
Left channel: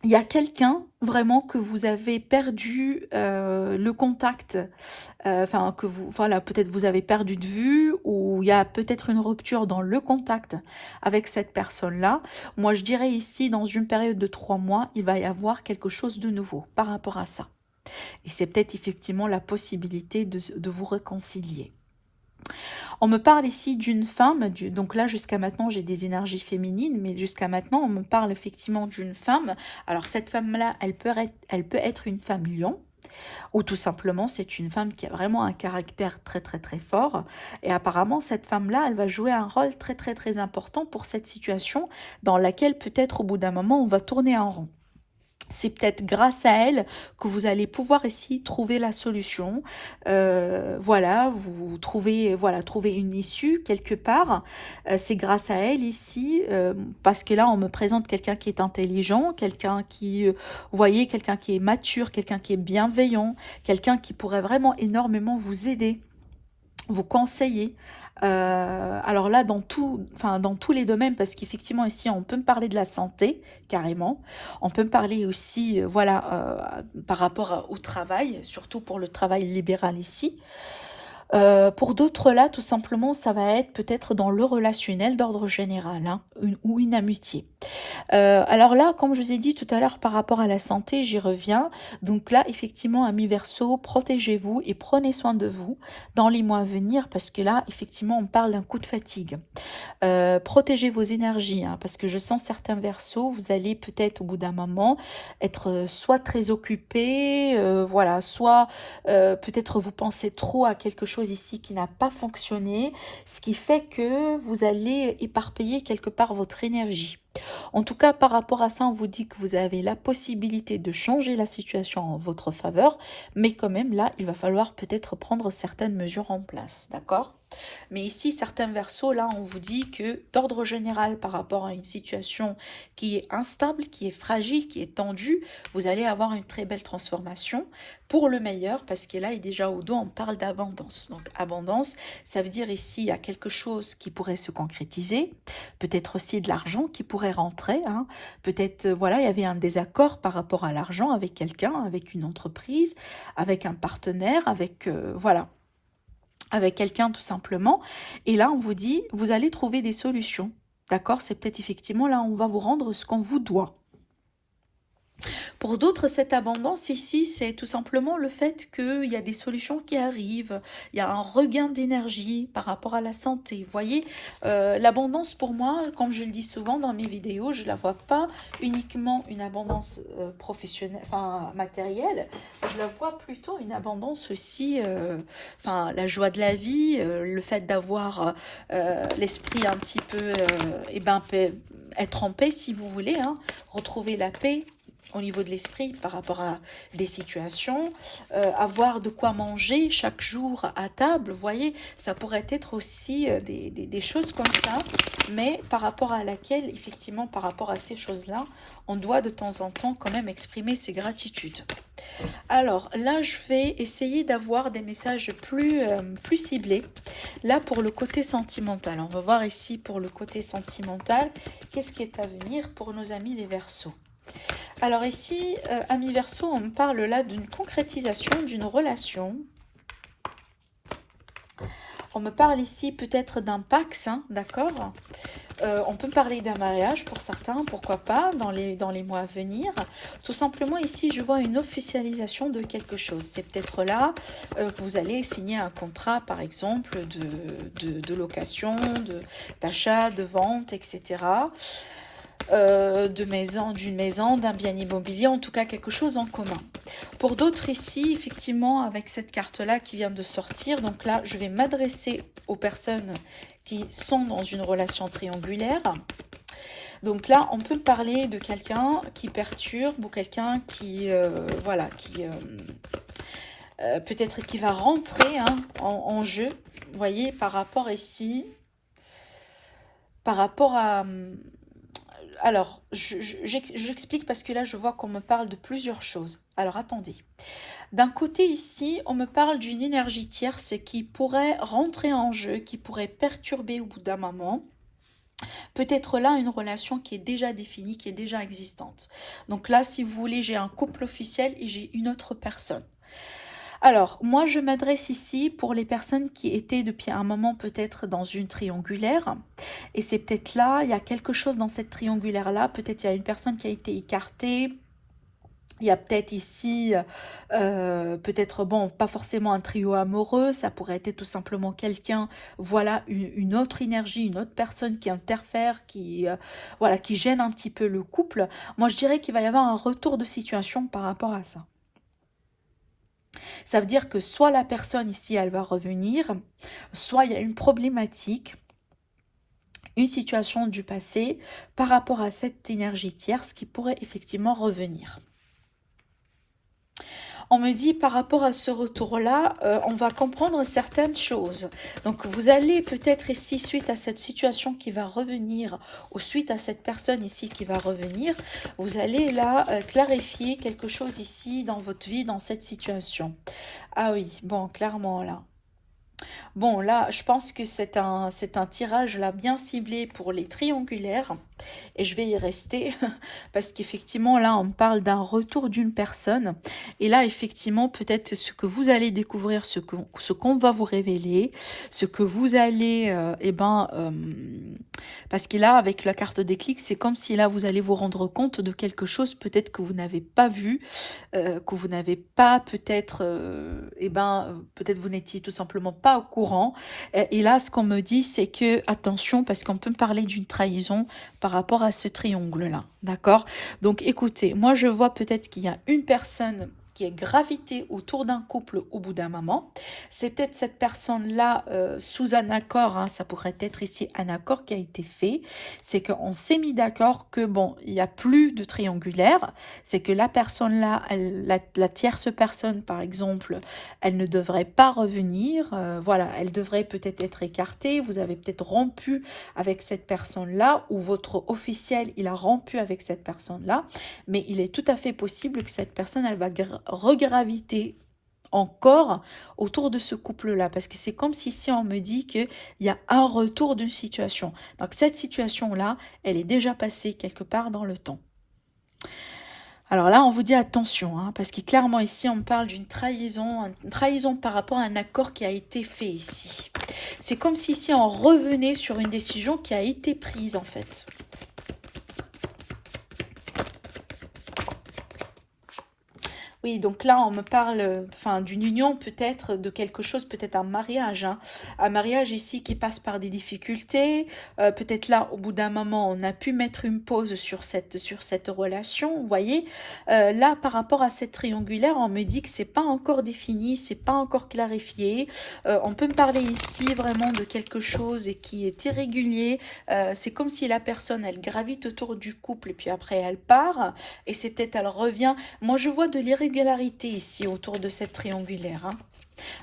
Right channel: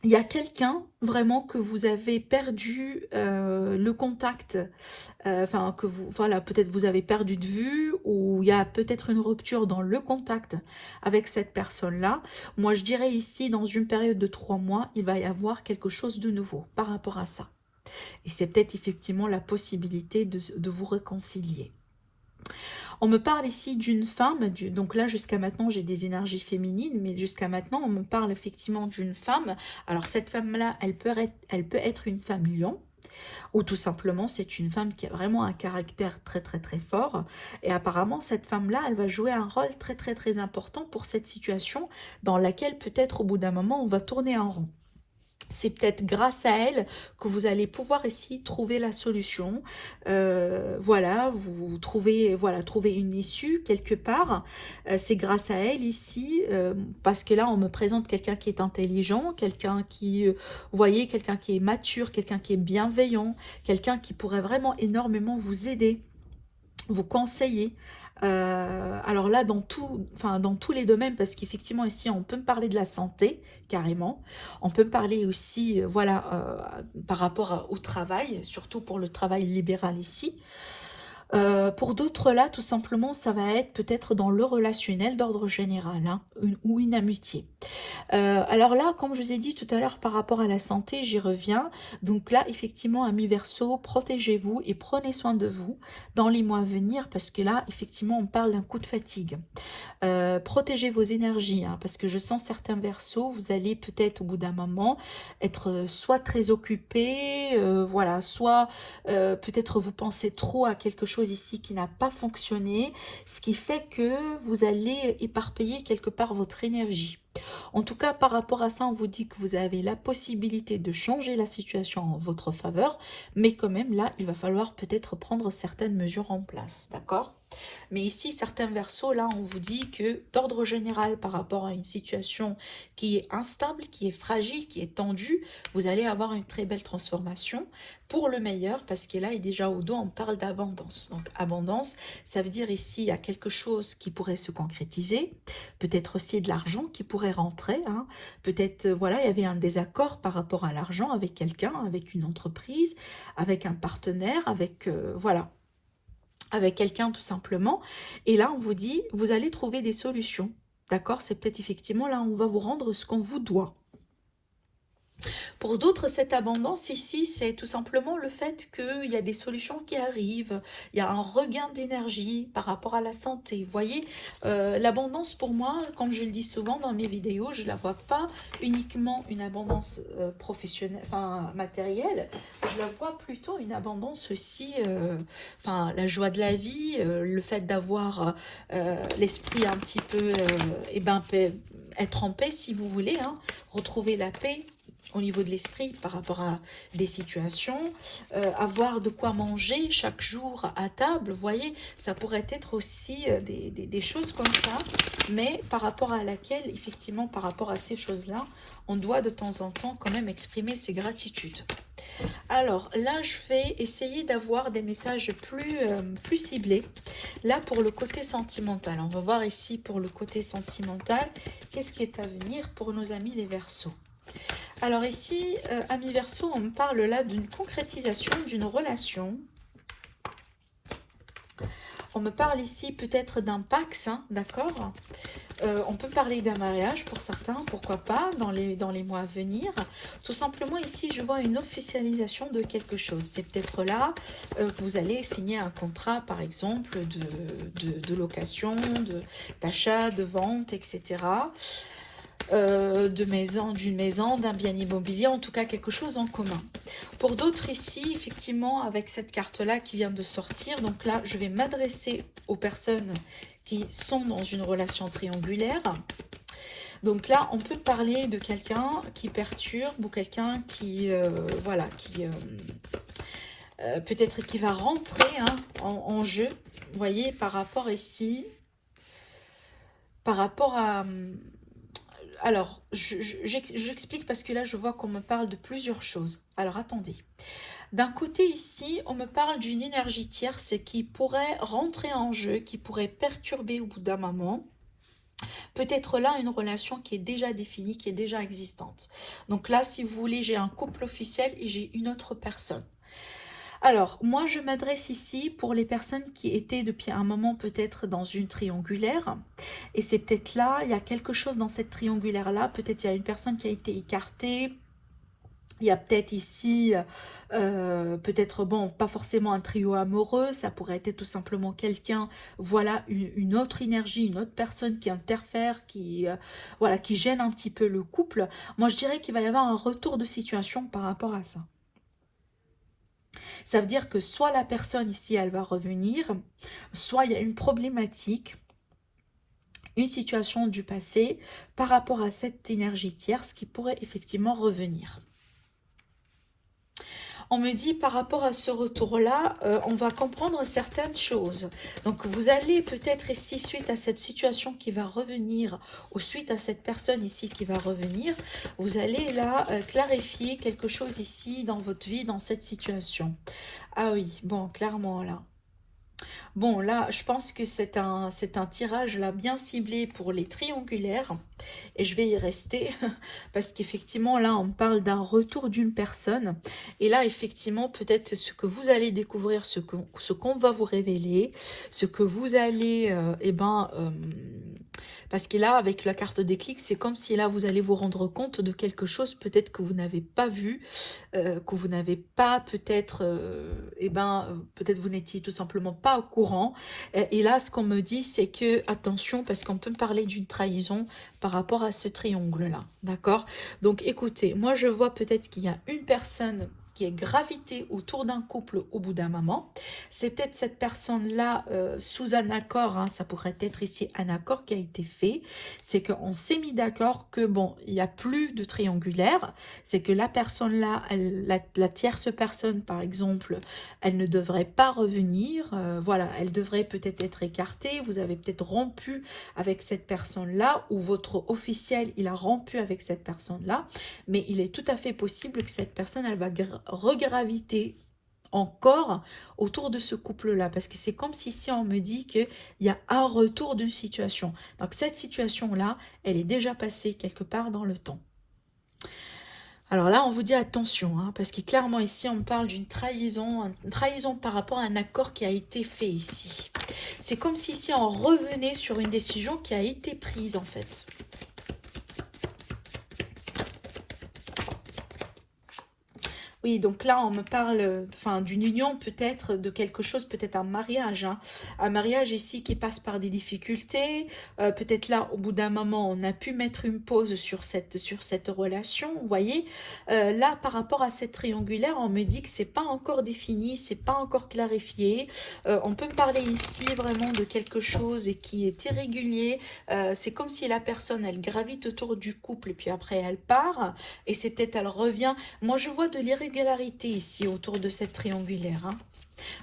il y a quelqu'un vraiment que vous avez perdu le contact, enfin que vous, voilà, peut-être vous avez perdu de vue, ou il y a peut-être une rupture dans le contact avec cette personne-là. Moi je dirais ici, dans une période de 3 mois, il va y avoir quelque chose de nouveau par rapport à ça. Et c'est peut-être effectivement la possibilité de vous réconcilier. On me parle ici d'une femme, donc là jusqu'à maintenant j'ai des énergies féminines, mais jusqu'à maintenant on me parle effectivement d'une femme. Alors cette femme-là, elle peut être une femme lion, ou tout simplement c'est une femme qui a vraiment un caractère très très très fort. Et apparemment cette femme-là, elle va jouer un rôle très très très important pour cette situation dans laquelle peut-être au bout d'un moment on va tourner en rond. C'est peut-être grâce à elle que vous allez pouvoir ici trouver la solution. Voilà, vous trouvez, voilà, trouver une issue quelque part. C'est grâce à elle ici, parce que là, on me présente quelqu'un qui est intelligent, quelqu'un qui, vous voyez, quelqu'un qui est mature, quelqu'un qui est bienveillant, quelqu'un qui pourrait vraiment énormément vous aider, vous conseiller. Alors là, dans tous les domaines, parce qu'effectivement ici, on peut me parler de la santé, carrément. On peut me parler aussi, voilà, par rapport au travail, surtout pour le travail libéral ici. Pour d'autres là, tout simplement, ça va être peut-être dans le relationnel d'ordre général, hein, ou une amitié. Alors là, comme je vous ai dit tout à l'heure par rapport à la santé, j'y reviens. Donc là, effectivement, amis Verseau, protégez-vous et prenez soin de vous dans les mois à venir, parce que là, effectivement, on parle d'un coup de fatigue. Protégez vos énergies, hein, parce que je sens certains Verseaux, vous allez peut-être au bout d'un moment être soit très occupé, voilà, soit peut-être vous pensez trop à quelque chose ici qui n'a pas fonctionné, ce qui fait que vous allez éparpiller quelque part votre énergie. En tout cas, par rapport à ça, on vous dit que vous avez la possibilité de changer la situation en votre faveur, mais quand même, là, il va falloir peut-être prendre certaines mesures en place, d'accord? Mais ici, certains versos, là, on vous dit que d'ordre général, par rapport à une situation qui est instable, qui est fragile, qui est tendue, vous allez avoir une très belle transformation pour le meilleur, parce que là, et déjà au dos, on parle d'abondance. Donc, abondance, ça veut dire ici, il y a quelque chose qui pourrait se concrétiser, peut-être aussi de l'argent qui pourrait rentrer, hein. Peut-être, voilà, il y avait un désaccord par rapport à l'argent avec quelqu'un, avec une entreprise, avec un partenaire, avec, voilà, avec quelqu'un tout simplement. Et là, on vous dit, vous allez trouver des solutions. D'accord? C'est peut-être effectivement là, on va vous rendre ce qu'on vous doit. Pour d'autres, cette abondance ici, c'est tout simplement le fait qu'il y a des solutions qui arrivent, il y a un regain d'énergie par rapport à la santé. Vous voyez, l'abondance pour moi, comme je le dis souvent dans mes vidéos, je ne la vois pas uniquement une abondance professionnelle, enfin matérielle, je la vois plutôt une abondance aussi, enfin la joie de la vie, le fait d'avoir l'esprit un petit peu, et ben, être en paix si vous voulez, hein, retrouver la paix au niveau de l'esprit par rapport à des situations, avoir de quoi manger chaque jour à table, vous voyez, ça pourrait être aussi des choses comme ça, mais par rapport à laquelle, effectivement, par rapport à ces choses-là, on doit de temps en temps quand même exprimer ses gratitudes. Alors là, je vais essayer d'avoir des messages plus ciblés. Là, pour le côté sentimental, on va voir ici pour le côté sentimental, qu'est-ce qui est à venir pour nos amis les Verseaux. Alors ici, amis Verseau, on me parle là d'une concrétisation d'une relation. On me parle ici peut-être d'un Pax, hein, d'accord? On peut parler d'un mariage pour certains, pourquoi pas, dans les mois à venir. Tout simplement ici, je vois une officialisation de quelque chose. C'est peut-être là que vous allez signer un contrat, par exemple, de location, d'achat, de vente, etc. de maison, d'une maison, d'un bien immobilier, en tout cas quelque chose en commun. Pour d'autres ici, effectivement, avec cette carte-là qui vient de sortir, donc là, je vais m'adresser aux personnes qui sont dans une relation triangulaire. Donc là, on peut parler de quelqu'un qui perturbe ou quelqu'un qui, voilà, qui peut-être qui va rentrer hein, en jeu, vous voyez, par rapport ici, par rapport à... Alors, j'explique parce que là, je vois qu'on me parle de plusieurs choses. Alors, attendez. D'un côté ici, on me parle d'une énergie tierce qui pourrait rentrer en jeu, qui pourrait perturber au bout d'un moment. Peut-être là une relation qui est déjà définie, qui est déjà existante. Donc là, si vous voulez, j'ai un couple officiel et j'ai une autre personne. Alors, moi, je m'adresse ici pour les personnes qui étaient depuis un moment peut-être dans une triangulaire. Et c'est peut-être là, il y a quelque chose dans cette triangulaire-là. Peut-être il y a une personne qui a été écartée. Il y a peut-être ici, peut-être, bon, pas forcément un trio amoureux, ça pourrait être tout simplement quelqu'un, voilà, une autre énergie, une autre personne qui interfère, voilà, qui gêne un petit peu le couple. Moi, je dirais qu'il va y avoir un retour de situation par rapport à ça. Ça veut dire que soit la personne ici, elle va revenir, soit il y a une problématique, une situation du passé par rapport à cette énergie tierce qui pourrait effectivement revenir. On me dit par rapport à ce retour-là, on va comprendre certaines choses. Donc vous allez peut-être ici, suite à cette situation qui va revenir, ou suite à cette personne ici qui va revenir, vous allez là clarifier quelque chose ici dans votre vie, dans cette situation. Ah oui, bon, clairement là. Bon, là, je pense que c'est un tirage là bien ciblé pour les triangulaires et je vais y rester parce qu'effectivement, là, on parle d'un retour d'une personne et là, effectivement, peut-être ce que vous allez découvrir, ce qu'on va vous révéler, ce que vous allez, parce que là, avec la carte déclic, c'est comme si là, vous allez vous rendre compte de quelque chose peut-être que vous n'avez pas vu, que vous n'avez pas peut-être, peut-être vous n'étiez tout simplement pas au courant. Et là, ce qu'on me dit, c'est que, attention, parce qu'on peut parler d'une trahison par rapport à ce triangle-là, d'accord? Donc, écoutez, moi, je vois peut-être qu'il y a une personne qui est gravité autour d'un couple au bout d'un moment. C'est peut-être cette personne-là sous un accord, hein, ça pourrait être ici un accord qui a été fait, c'est qu'on s'est mis d'accord que bon, il n'y a plus de triangulaire, c'est que la personne-là, la tierce personne par exemple, elle ne devrait pas revenir, voilà, elle devrait peut-être être écartée, vous avez peut-être rompu avec cette personne-là, ou votre officiel, il a rompu avec cette personne-là, mais il est tout à fait possible que cette personne, elle va regraviter encore autour de ce couple-là, parce que c'est comme si on me dit qu'il y a un retour d'une situation. Donc cette situation-là, elle est déjà passée quelque part dans le temps. Alors là, on vous dit attention, hein, parce que clairement ici, on parle d'une trahison par rapport à un accord qui a été fait ici. C'est comme si ici, on revenait sur une décision qui a été prise en fait. Oui, donc là, on me parle d'une union peut-être, de quelque chose, peut-être un mariage. Hein. Un mariage ici qui passe par des difficultés. Peut-être là, au bout d'un moment, on a pu mettre une pause sur cette relation. Vous voyez, là, par rapport à cette triangulaire, on me dit que c'est pas encore défini, c'est pas encore clarifié. On peut me parler ici vraiment de quelque chose et qui est irrégulier. C'est comme si la personne, elle gravite autour du couple et puis après, elle part. Et c'est peut-être, elle revient. Moi, je vois de l'irrégularité ici autour de cette triangulaire. Hein.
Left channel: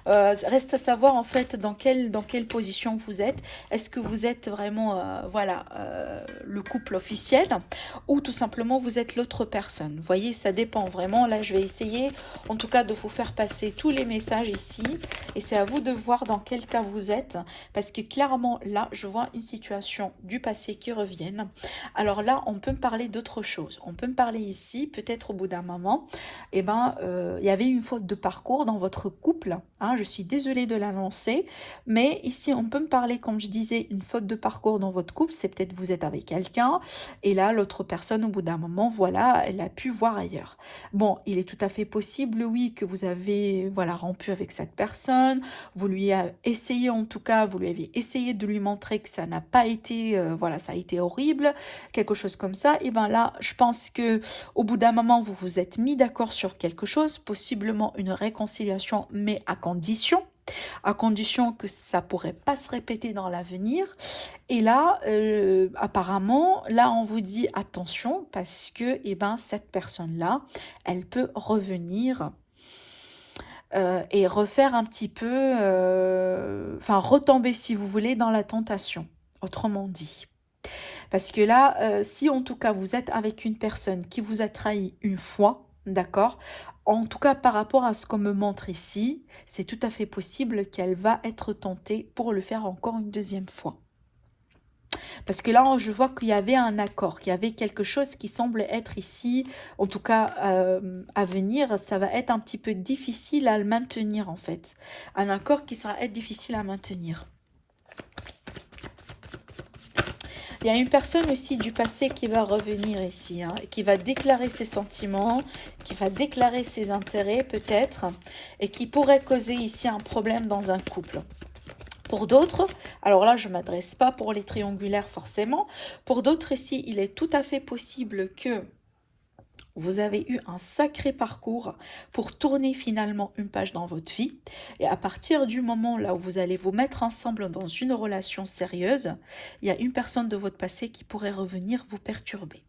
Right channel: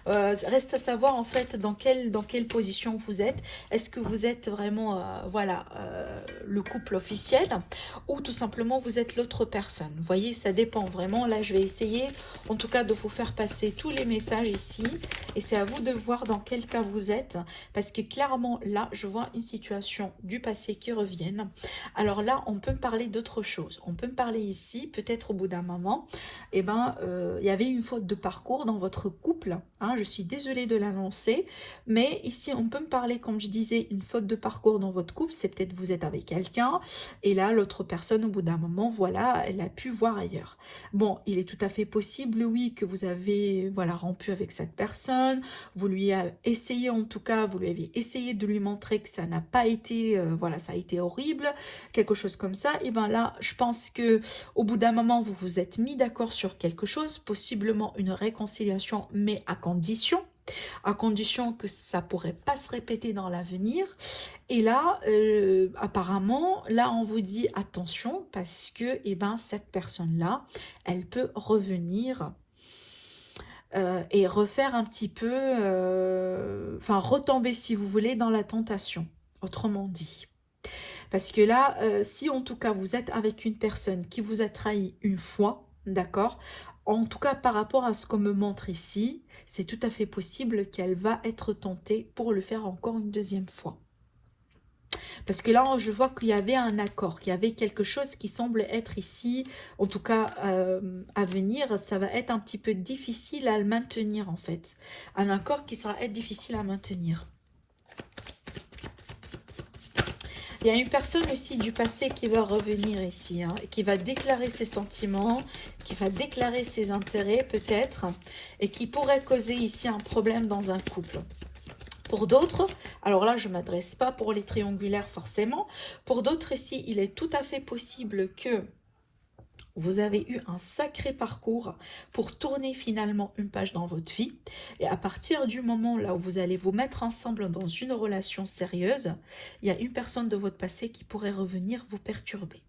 Reste à savoir en fait dans quelle position vous êtes. Est-ce que vous êtes vraiment le couple officiel ou tout simplement vous êtes l'autre personne. Vous voyez, ça dépend vraiment. Là, je vais essayer en tout cas de vous faire passer tous les messages ici et c'est à vous de voir dans quel cas vous êtes parce que clairement là, je vois une situation du passé qui revienne. Alors là, on peut me parler d'autre chose. On peut me parler ici, peut-être au bout d'un moment, il y avait une faute de parcours dans votre couple. hein, je suis désolée de l'annoncer, mais ici on peut me parler, comme je disais, une faute de parcours dans votre couple, c'est peut-être vous êtes avec quelqu'un, et là l'autre personne au bout d'un moment, voilà, elle a pu voir ailleurs. Bon, il est tout à fait possible, oui, que vous avez, voilà, rompu avec cette personne, vous lui avez essayé, en tout cas, vous lui avez essayé de lui montrer que ça n'a pas été, voilà, ça a été horrible, quelque chose comme ça, et bien là, je pense que au bout d'un moment, vous vous êtes mis d'accord sur quelque chose, possiblement une réconciliation, mais à condition que ça pourrait pas se répéter dans l'avenir. Et là, apparemment, là, on vous dit attention parce que, eh ben, cette personne-là, elle peut revenir et refaire un petit peu, enfin, retomber, si vous voulez, dans la tentation, autrement dit. Parce que là, si en tout cas vous êtes avec une personne qui vous a trahi une fois, d'accord, en tout cas par rapport à ce qu'on me montre ici, c'est tout à fait possible qu'elle va être tentée pour le faire encore une deuxième fois. Parce que là, je vois qu'il y avait un accord, qu'il y avait quelque chose qui semble être ici, en tout cas à venir, ça va être un petit peu difficile à le maintenir en fait. Un accord qui sera être difficile à maintenir. Il y a une personne aussi du passé qui va revenir ici, hein, qui va déclarer ses sentiments, qui va déclarer ses intérêts peut-être, et qui pourrait causer ici un problème dans un couple. Pour d'autres, alors là je ne m'adresse pas pour les triangulaires forcément, pour d'autres ici il est tout à fait possible que vous avez eu un sacré parcours pour tourner finalement une page dans votre vie. Et à partir du moment là où vous allez vous mettre ensemble dans une relation sérieuse, il y a une personne de votre passé qui pourrait revenir vous perturber.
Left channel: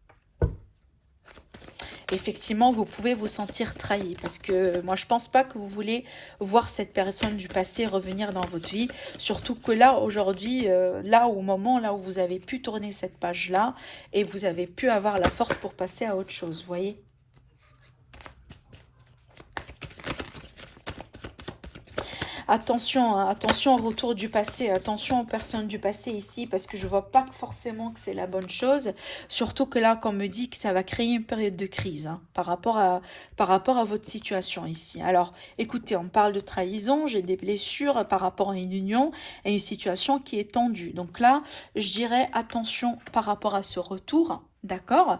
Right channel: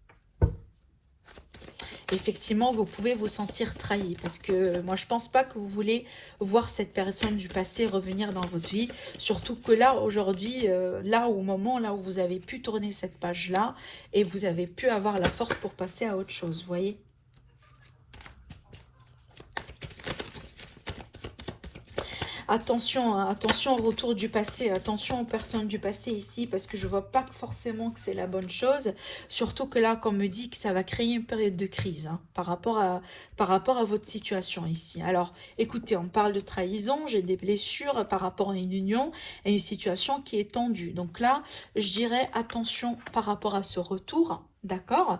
Effectivement, vous pouvez vous sentir trahi parce que moi, je pense pas que vous voulez voir cette personne du passé revenir dans votre vie. Surtout que là, aujourd'hui, là au moment là où vous avez pu tourner cette page-là et vous avez pu avoir la force pour passer à autre chose, vous voyez. Attention, hein, attention au retour du passé, attention aux personnes du passé ici, parce que je vois pas forcément que c'est la bonne chose. Surtout que là, qu'on me dit que ça va créer une période de crise hein, par rapport à votre situation ici. Alors, écoutez, on parle de trahison, j'ai des blessures par rapport à une union et une situation qui est tendue. Donc là, je dirais attention par rapport à ce retour. D'accord,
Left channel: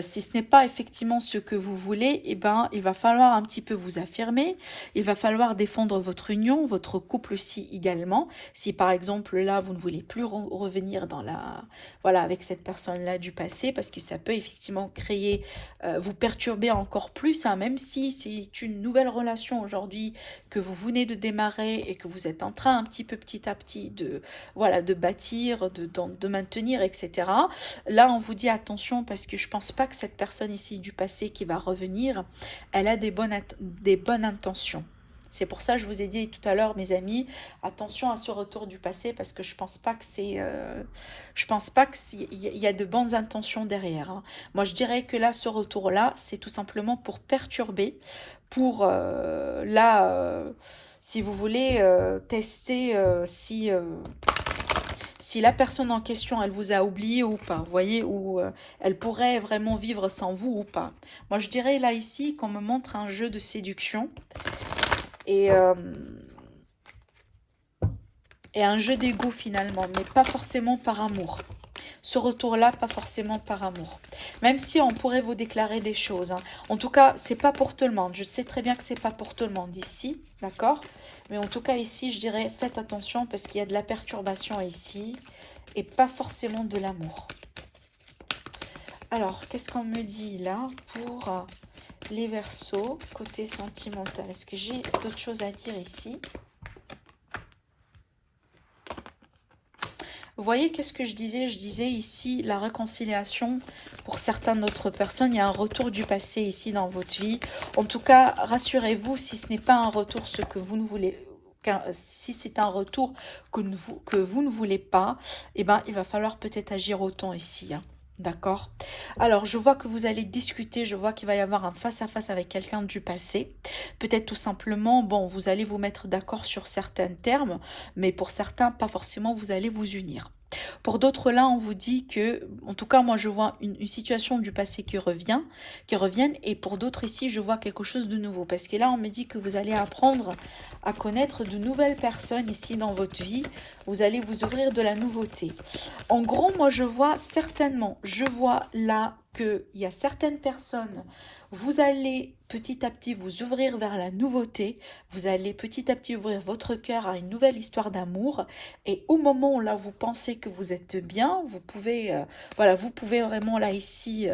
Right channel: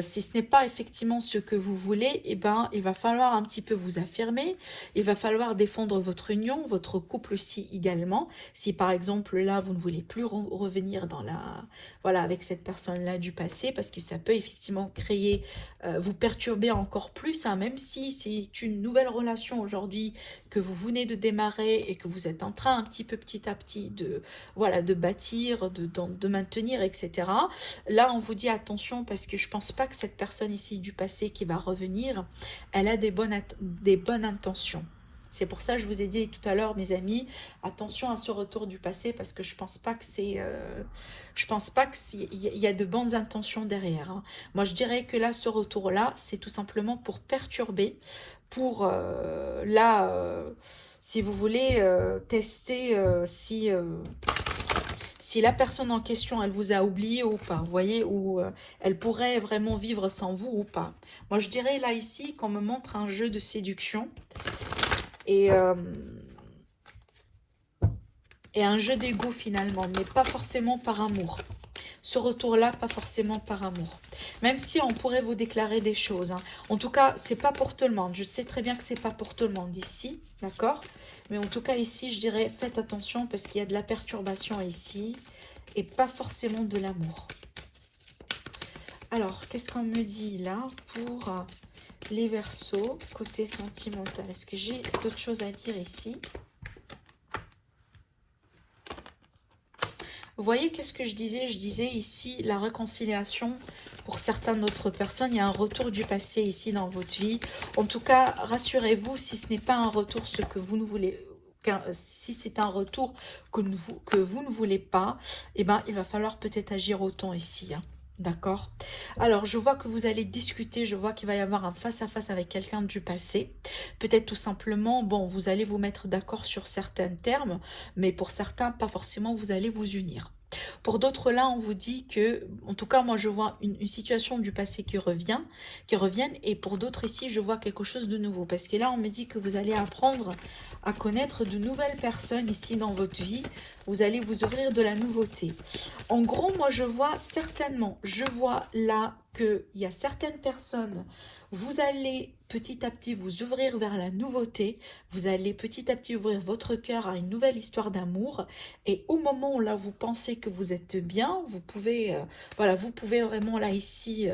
si ce n'est pas effectivement ce que vous voulez, eh ben, il va falloir un petit peu vous affirmer, il va falloir défendre votre union, votre couple aussi également. Si par exemple là, vous ne voulez plus revenir dans voilà, avec cette personne-là du passé, parce que ça peut effectivement créer, vous perturber encore plus, hein, même si c'est une nouvelle relation aujourd'hui que vous venez de démarrer et que vous êtes en train un petit peu petit à petit de, voilà, de bâtir, de maintenir, etc. Là, on vous dit attention parce que je pense pas que cette personne ici du passé qui va revenir, elle a des bonnes intentions. C'est pour ça que je vous ai dit tout à l'heure, mes amis, attention à ce retour du passé parce que je pense pas que c'est, je pense pas qu'il y a de bonnes intentions derrière. Hein. Moi, je dirais que là, ce retour-là, c'est tout simplement pour perturber, pour si vous voulez tester si la personne en question, elle vous a oublié ou pas, vous voyez, ou elle pourrait vraiment vivre sans vous ou pas. Moi, je dirais là, ici, qu'on me montre un jeu de séduction et un jeu d'ego finalement, mais pas forcément par amour. Ce retour-là, pas forcément par amour. Même si on pourrait vous déclarer des choses. Hein. En tout cas, c'est pas pour tout le monde. Je sais très bien que c'est pas pour tout le monde ici, d'accord? Mais en tout cas, ici, je dirais, faites attention parce qu'il y a de la perturbation ici et pas forcément de l'amour. Alors, qu'est-ce qu'on me dit là pour les Verseaux, côté sentimental? Est-ce que j'ai d'autres choses à dire ici? Vous voyez, qu'est-ce que je disais? Je disais ici la réconciliation pour certaines d'autres personnes. Il y a un retour du passé ici dans votre vie. En tout cas, rassurez-vous, si ce n'est pas un retour, ce que vous ne voulez, si c'est un retour que vous ne voulez pas, eh ben, il va falloir peut-être agir autant ici. Hein. D'accord. Alors, je vois que vous allez discuter, je vois qu'il va y avoir un face-à-face avec quelqu'un du passé. Peut-être tout simplement, vous allez vous mettre d'accord sur certains termes, mais pour certains, pas forcément, vous allez vous unir. Pour d'autres, là, on vous dit que, en tout cas, moi, je vois une situation du passé qui reviennent, et pour d'autres ici, je vois quelque chose de nouveau. Parce que là, on me dit que vous allez apprendre à connaître de nouvelles personnes ici dans votre vie. Vous allez vous ouvrir de la nouveauté. En gros, moi, je vois certainement, je vois là qu'il y a certaines personnes, vous allez petit à petit vous ouvrir vers la nouveauté, vous allez petit à petit ouvrir votre cœur à une nouvelle histoire d'amour, et au moment où là vous pensez que vous êtes bien, vous pouvez, voilà, vous pouvez vraiment là ici,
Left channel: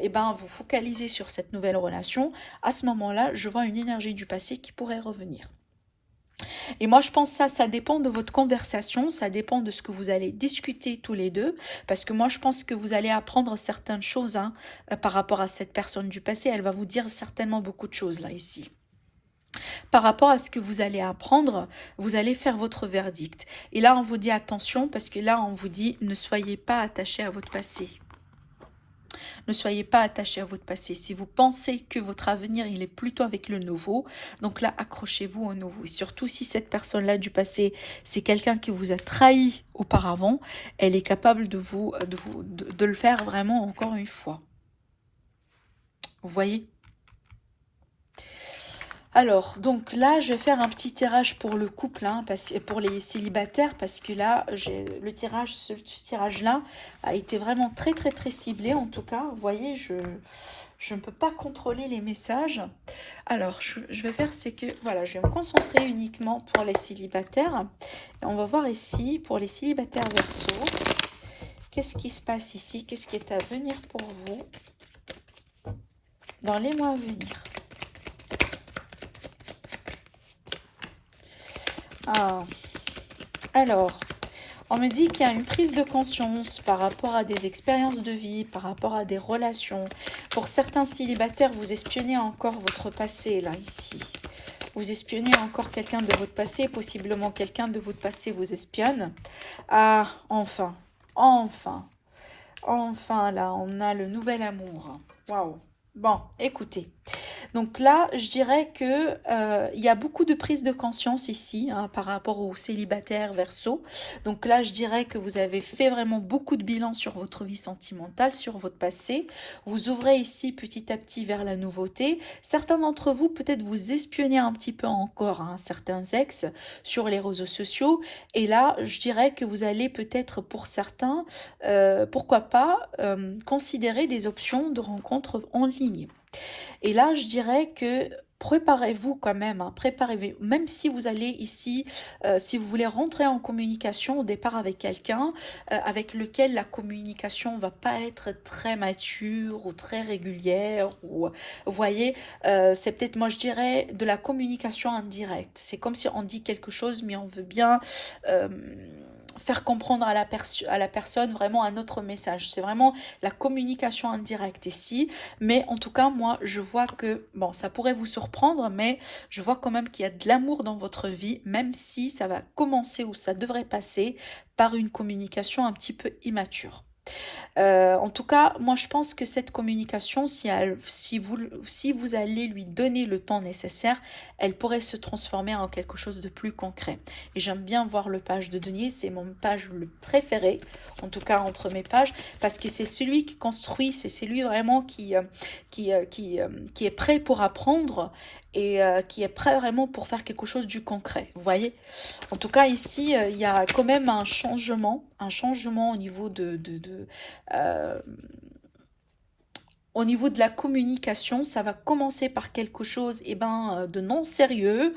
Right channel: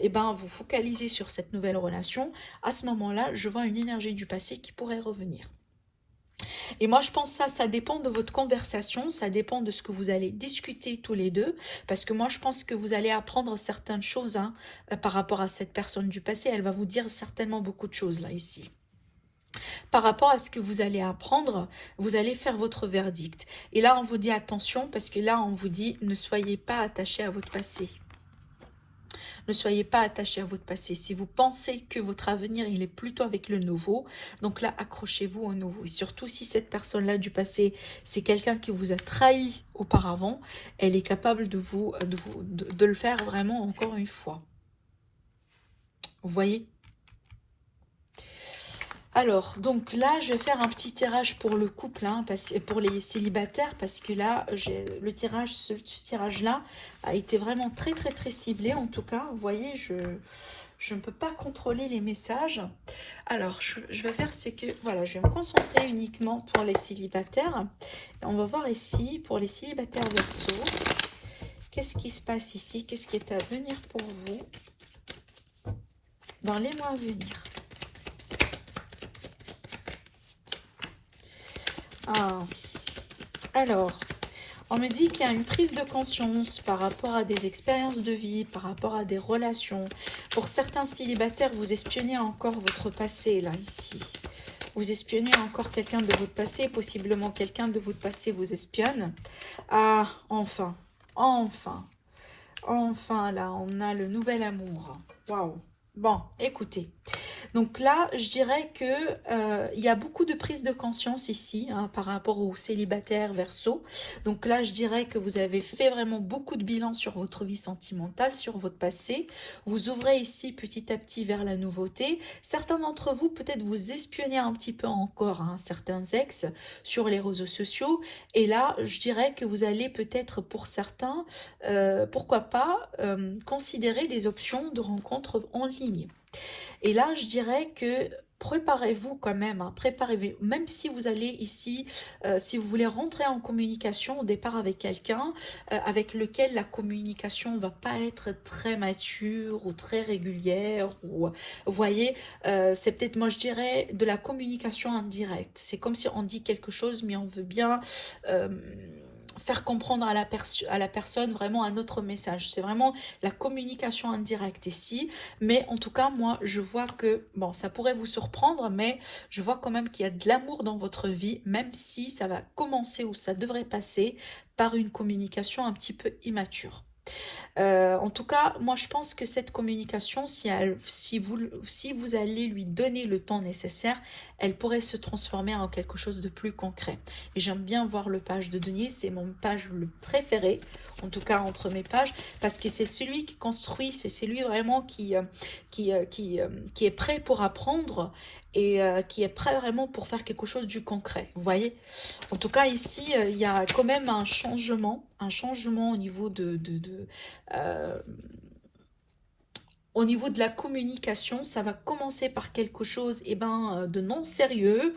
eh ben, vous focaliser sur cette nouvelle relation. À ce moment-là, je vois une énergie du passé qui pourrait revenir. Et moi, je pense que ça dépend de votre conversation, ça dépend de ce que vous allez discuter tous les deux, parce que moi, je pense que vous allez apprendre certaines choses hein, par rapport à cette personne du passé. Elle va vous dire certainement beaucoup de choses là, ici. Par rapport à ce que vous allez apprendre, vous allez faire votre verdict. Et là, on vous dit attention, parce que là, on vous dit ne soyez pas attaché à votre passé. Ne soyez pas attaché à votre passé. Si vous pensez que votre avenir, il est plutôt avec le nouveau, donc là, accrochez-vous au nouveau. Et surtout, si cette personne-là du passé, c'est quelqu'un qui vous a trahi auparavant, elle est capable de le faire vraiment encore une fois. Vous voyez ? Alors, donc là, je vais faire un petit tirage pour le couple, hein, pour les célibataires, parce que là, ce tirage-là a été vraiment très, très, très ciblé. En tout cas, vous voyez, je ne peux pas contrôler les messages. Alors, je vais faire, c'est que, voilà, je vais me concentrer uniquement pour les célibataires. Et on va voir ici, pour les célibataires Verseau, qu'est-ce qui se passe ici? Qu'est-ce qui est à venir pour vous dans les mois à venir? Alors, on me dit qu'il y a une prise de conscience par rapport à des expériences de vie, par rapport à des relations. Pour certains célibataires, vous espionnez encore votre passé, là, ici. Vous espionnez encore quelqu'un de votre passé, possiblement quelqu'un de votre passé vous espionne. Ah, enfin, là, on a le nouvel amour. Waouh! Bon, écoutez. Donc là, je dirais que il y a beaucoup de prise de conscience ici hein, par rapport aux célibataires Verseau. Donc là, je dirais que vous avez fait vraiment beaucoup de bilan sur votre vie sentimentale, sur votre passé. Vous ouvrez ici petit à petit vers la nouveauté. Certains d'entre vous, peut-être vous espionnez un petit peu encore hein, certains ex sur les réseaux sociaux. Et là, je dirais que vous allez peut-être pour certains, pourquoi pas, considérer des options de rencontres en ligne. Et là, je dirais que préparez-vous quand même, hein, préparez-vous, même si vous allez ici, si vous voulez rentrer en communication au départ avec quelqu'un avec lequel la communication va pas être très mature ou très régulière, ou vous voyez, c'est peut-être, moi je dirais, de la communication indirecte. C'est comme si on dit quelque chose, mais on veut bien... faire comprendre à la personne vraiment un autre message. C'est vraiment la communication indirecte ici. Mais en tout cas, moi, je vois que, bon, ça pourrait vous surprendre, mais je vois quand même qu'il y a de l'amour dans votre vie, même si ça va commencer ou ça devrait passer par une communication un petit peu immature. En tout cas, moi je pense que cette communication, si vous allez lui donner le temps nécessaire, elle pourrait se transformer en quelque chose de plus concret. Et j'aime bien voir le page de denier, c'est mon page le préféré, en tout cas entre mes pages, parce que c'est celui qui construit, c'est celui vraiment qui est prêt pour apprendre et qui est prêt vraiment pour faire quelque chose du concret. Vous voyez? En tout cas, ici, il y a quand même un changement au niveau euh, au niveau de la communication. Ça va commencer par quelque chose de non sérieux.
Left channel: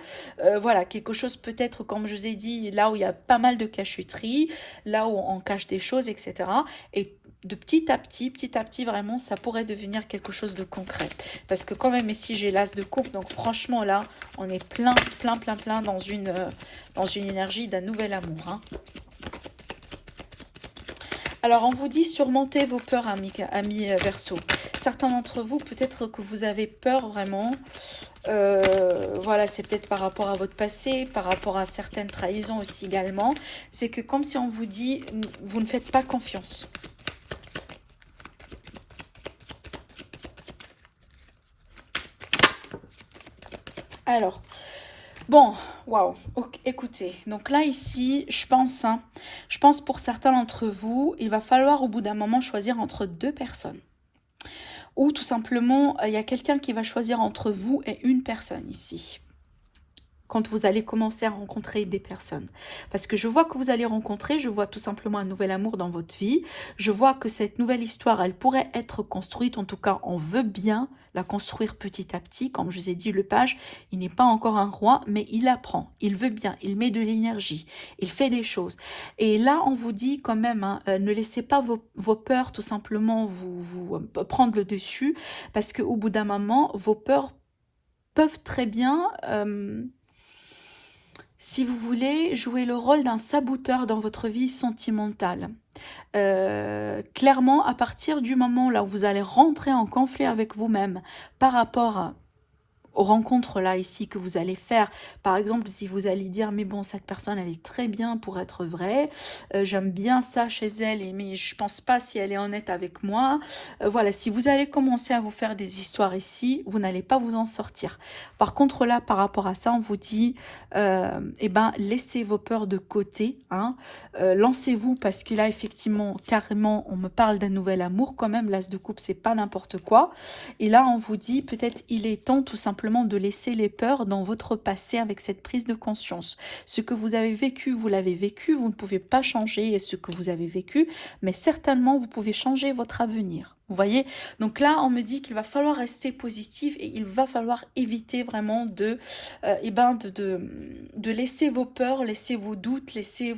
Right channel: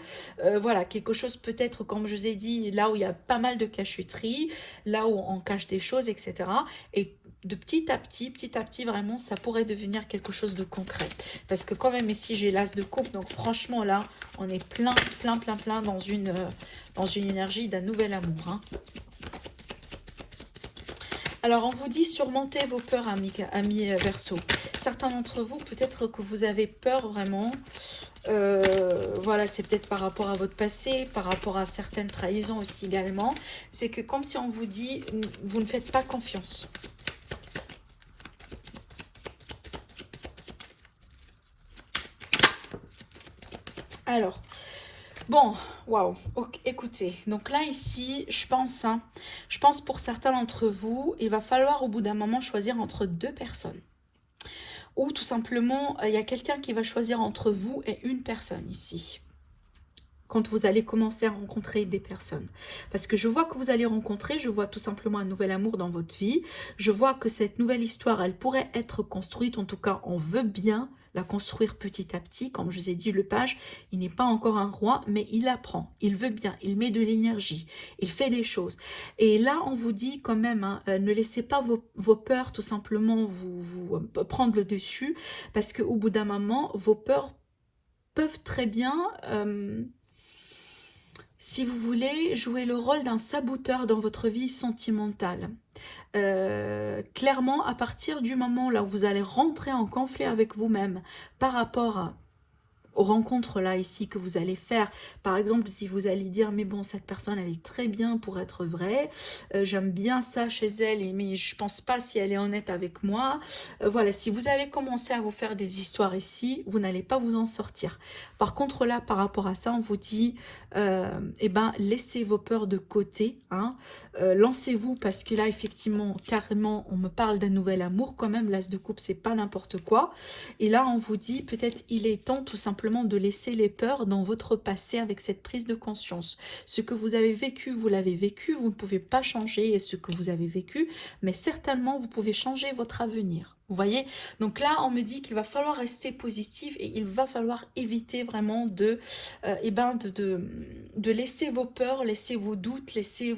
Voilà, quelque chose peut-être, comme je vous ai dit, là où il y a pas mal de cachotterie, là où on cache des choses, etc. Et de petit à petit, vraiment, ça pourrait devenir quelque chose de concret. Parce que quand même, ici, j'ai l'as de coupe. Donc franchement, là, on est plein dans une énergie d'un nouvel amour. Hein. Alors, on vous dit surmonter vos peurs, amis Verseau. Certains d'entre vous, peut-être que vous avez peur vraiment. Voilà, c'est peut-être par rapport à votre passé, par rapport à certaines trahisons aussi également. C'est que comme si on vous dit, vous ne faites pas confiance. Alors, bon, waouh, okay, écoutez, donc là ici, je pense Je pense pour certains d'entre vous, il va falloir au bout d'un moment choisir entre deux personnes. Ou tout simplement, il y a quelqu'un qui va choisir entre vous et une personne ici. Quand vous allez commencer à rencontrer des personnes. Parce que je vois que vous allez rencontrer, je vois tout simplement un nouvel amour dans votre vie. Je vois que cette nouvelle histoire, elle pourrait être construite, en tout cas, on veut bien la construire petit à petit. Comme je vous ai dit, le page, il n'est pas encore un roi, mais il apprend, il veut bien, il met de l'énergie, il fait des choses. Et là, on vous dit quand même, hein, ne laissez pas vos peurs tout simplement vous prendre le dessus, parce qu'au bout d'un moment, vos peurs peuvent très bien... si vous voulez jouer le rôle d'un saboteur dans votre vie sentimentale. Clairement, à partir du moment là où vous allez rentrer en conflit avec vous-même par rapport aux rencontres là ici que vous allez faire, par exemple si vous allez dire mais bon cette personne elle est très bien pour être vraie, j'aime bien ça chez elle mais je pense pas si elle est honnête avec moi, voilà, si vous allez commencer à vous faire des histoires ici, vous n'allez pas vous en sortir. Par contre là par rapport à ça on vous dit eh ben laissez vos peurs de côté, hein, lancez-vous parce que là effectivement carrément on me parle d'un nouvel amour quand même, l'as de coupe c'est pas n'importe quoi, et là on vous dit peut-être il est temps tout simplement de laisser les peurs dans votre passé avec cette prise de conscience. Ce que vous avez vécu, vous l'avez vécu, vous ne pouvez pas changer ce que vous avez vécu, mais certainement vous pouvez changer votre avenir. Vous voyez, donc là on me dit qu'il va falloir rester positif et il va falloir éviter vraiment de laisser vos peurs, laisser vos doutes, laisser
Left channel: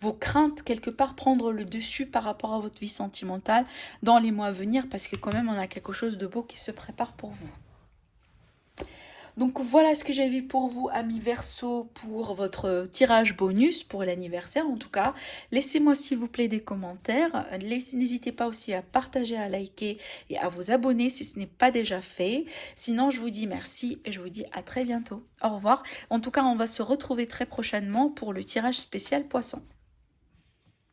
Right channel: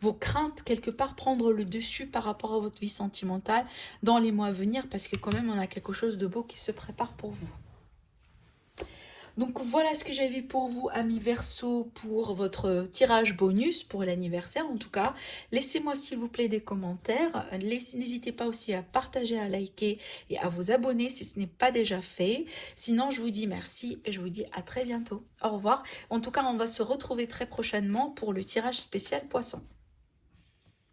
vos craintes quelque part prendre le dessus par rapport à votre vie sentimentale dans les mois à venir, parce que quand même on a quelque chose de beau qui se prépare pour vous. Donc voilà ce que j'avais pour vous, amis Verseau, pour votre tirage bonus pour l'anniversaire en tout cas. Laissez-moi s'il vous plaît des commentaires. N'hésitez pas aussi à partager, à liker et à vous abonner si ce n'est pas déjà fait. Sinon, je vous dis merci et je vous dis à très bientôt. Au revoir. En tout cas, on va se retrouver très prochainement pour le tirage spécial poisson.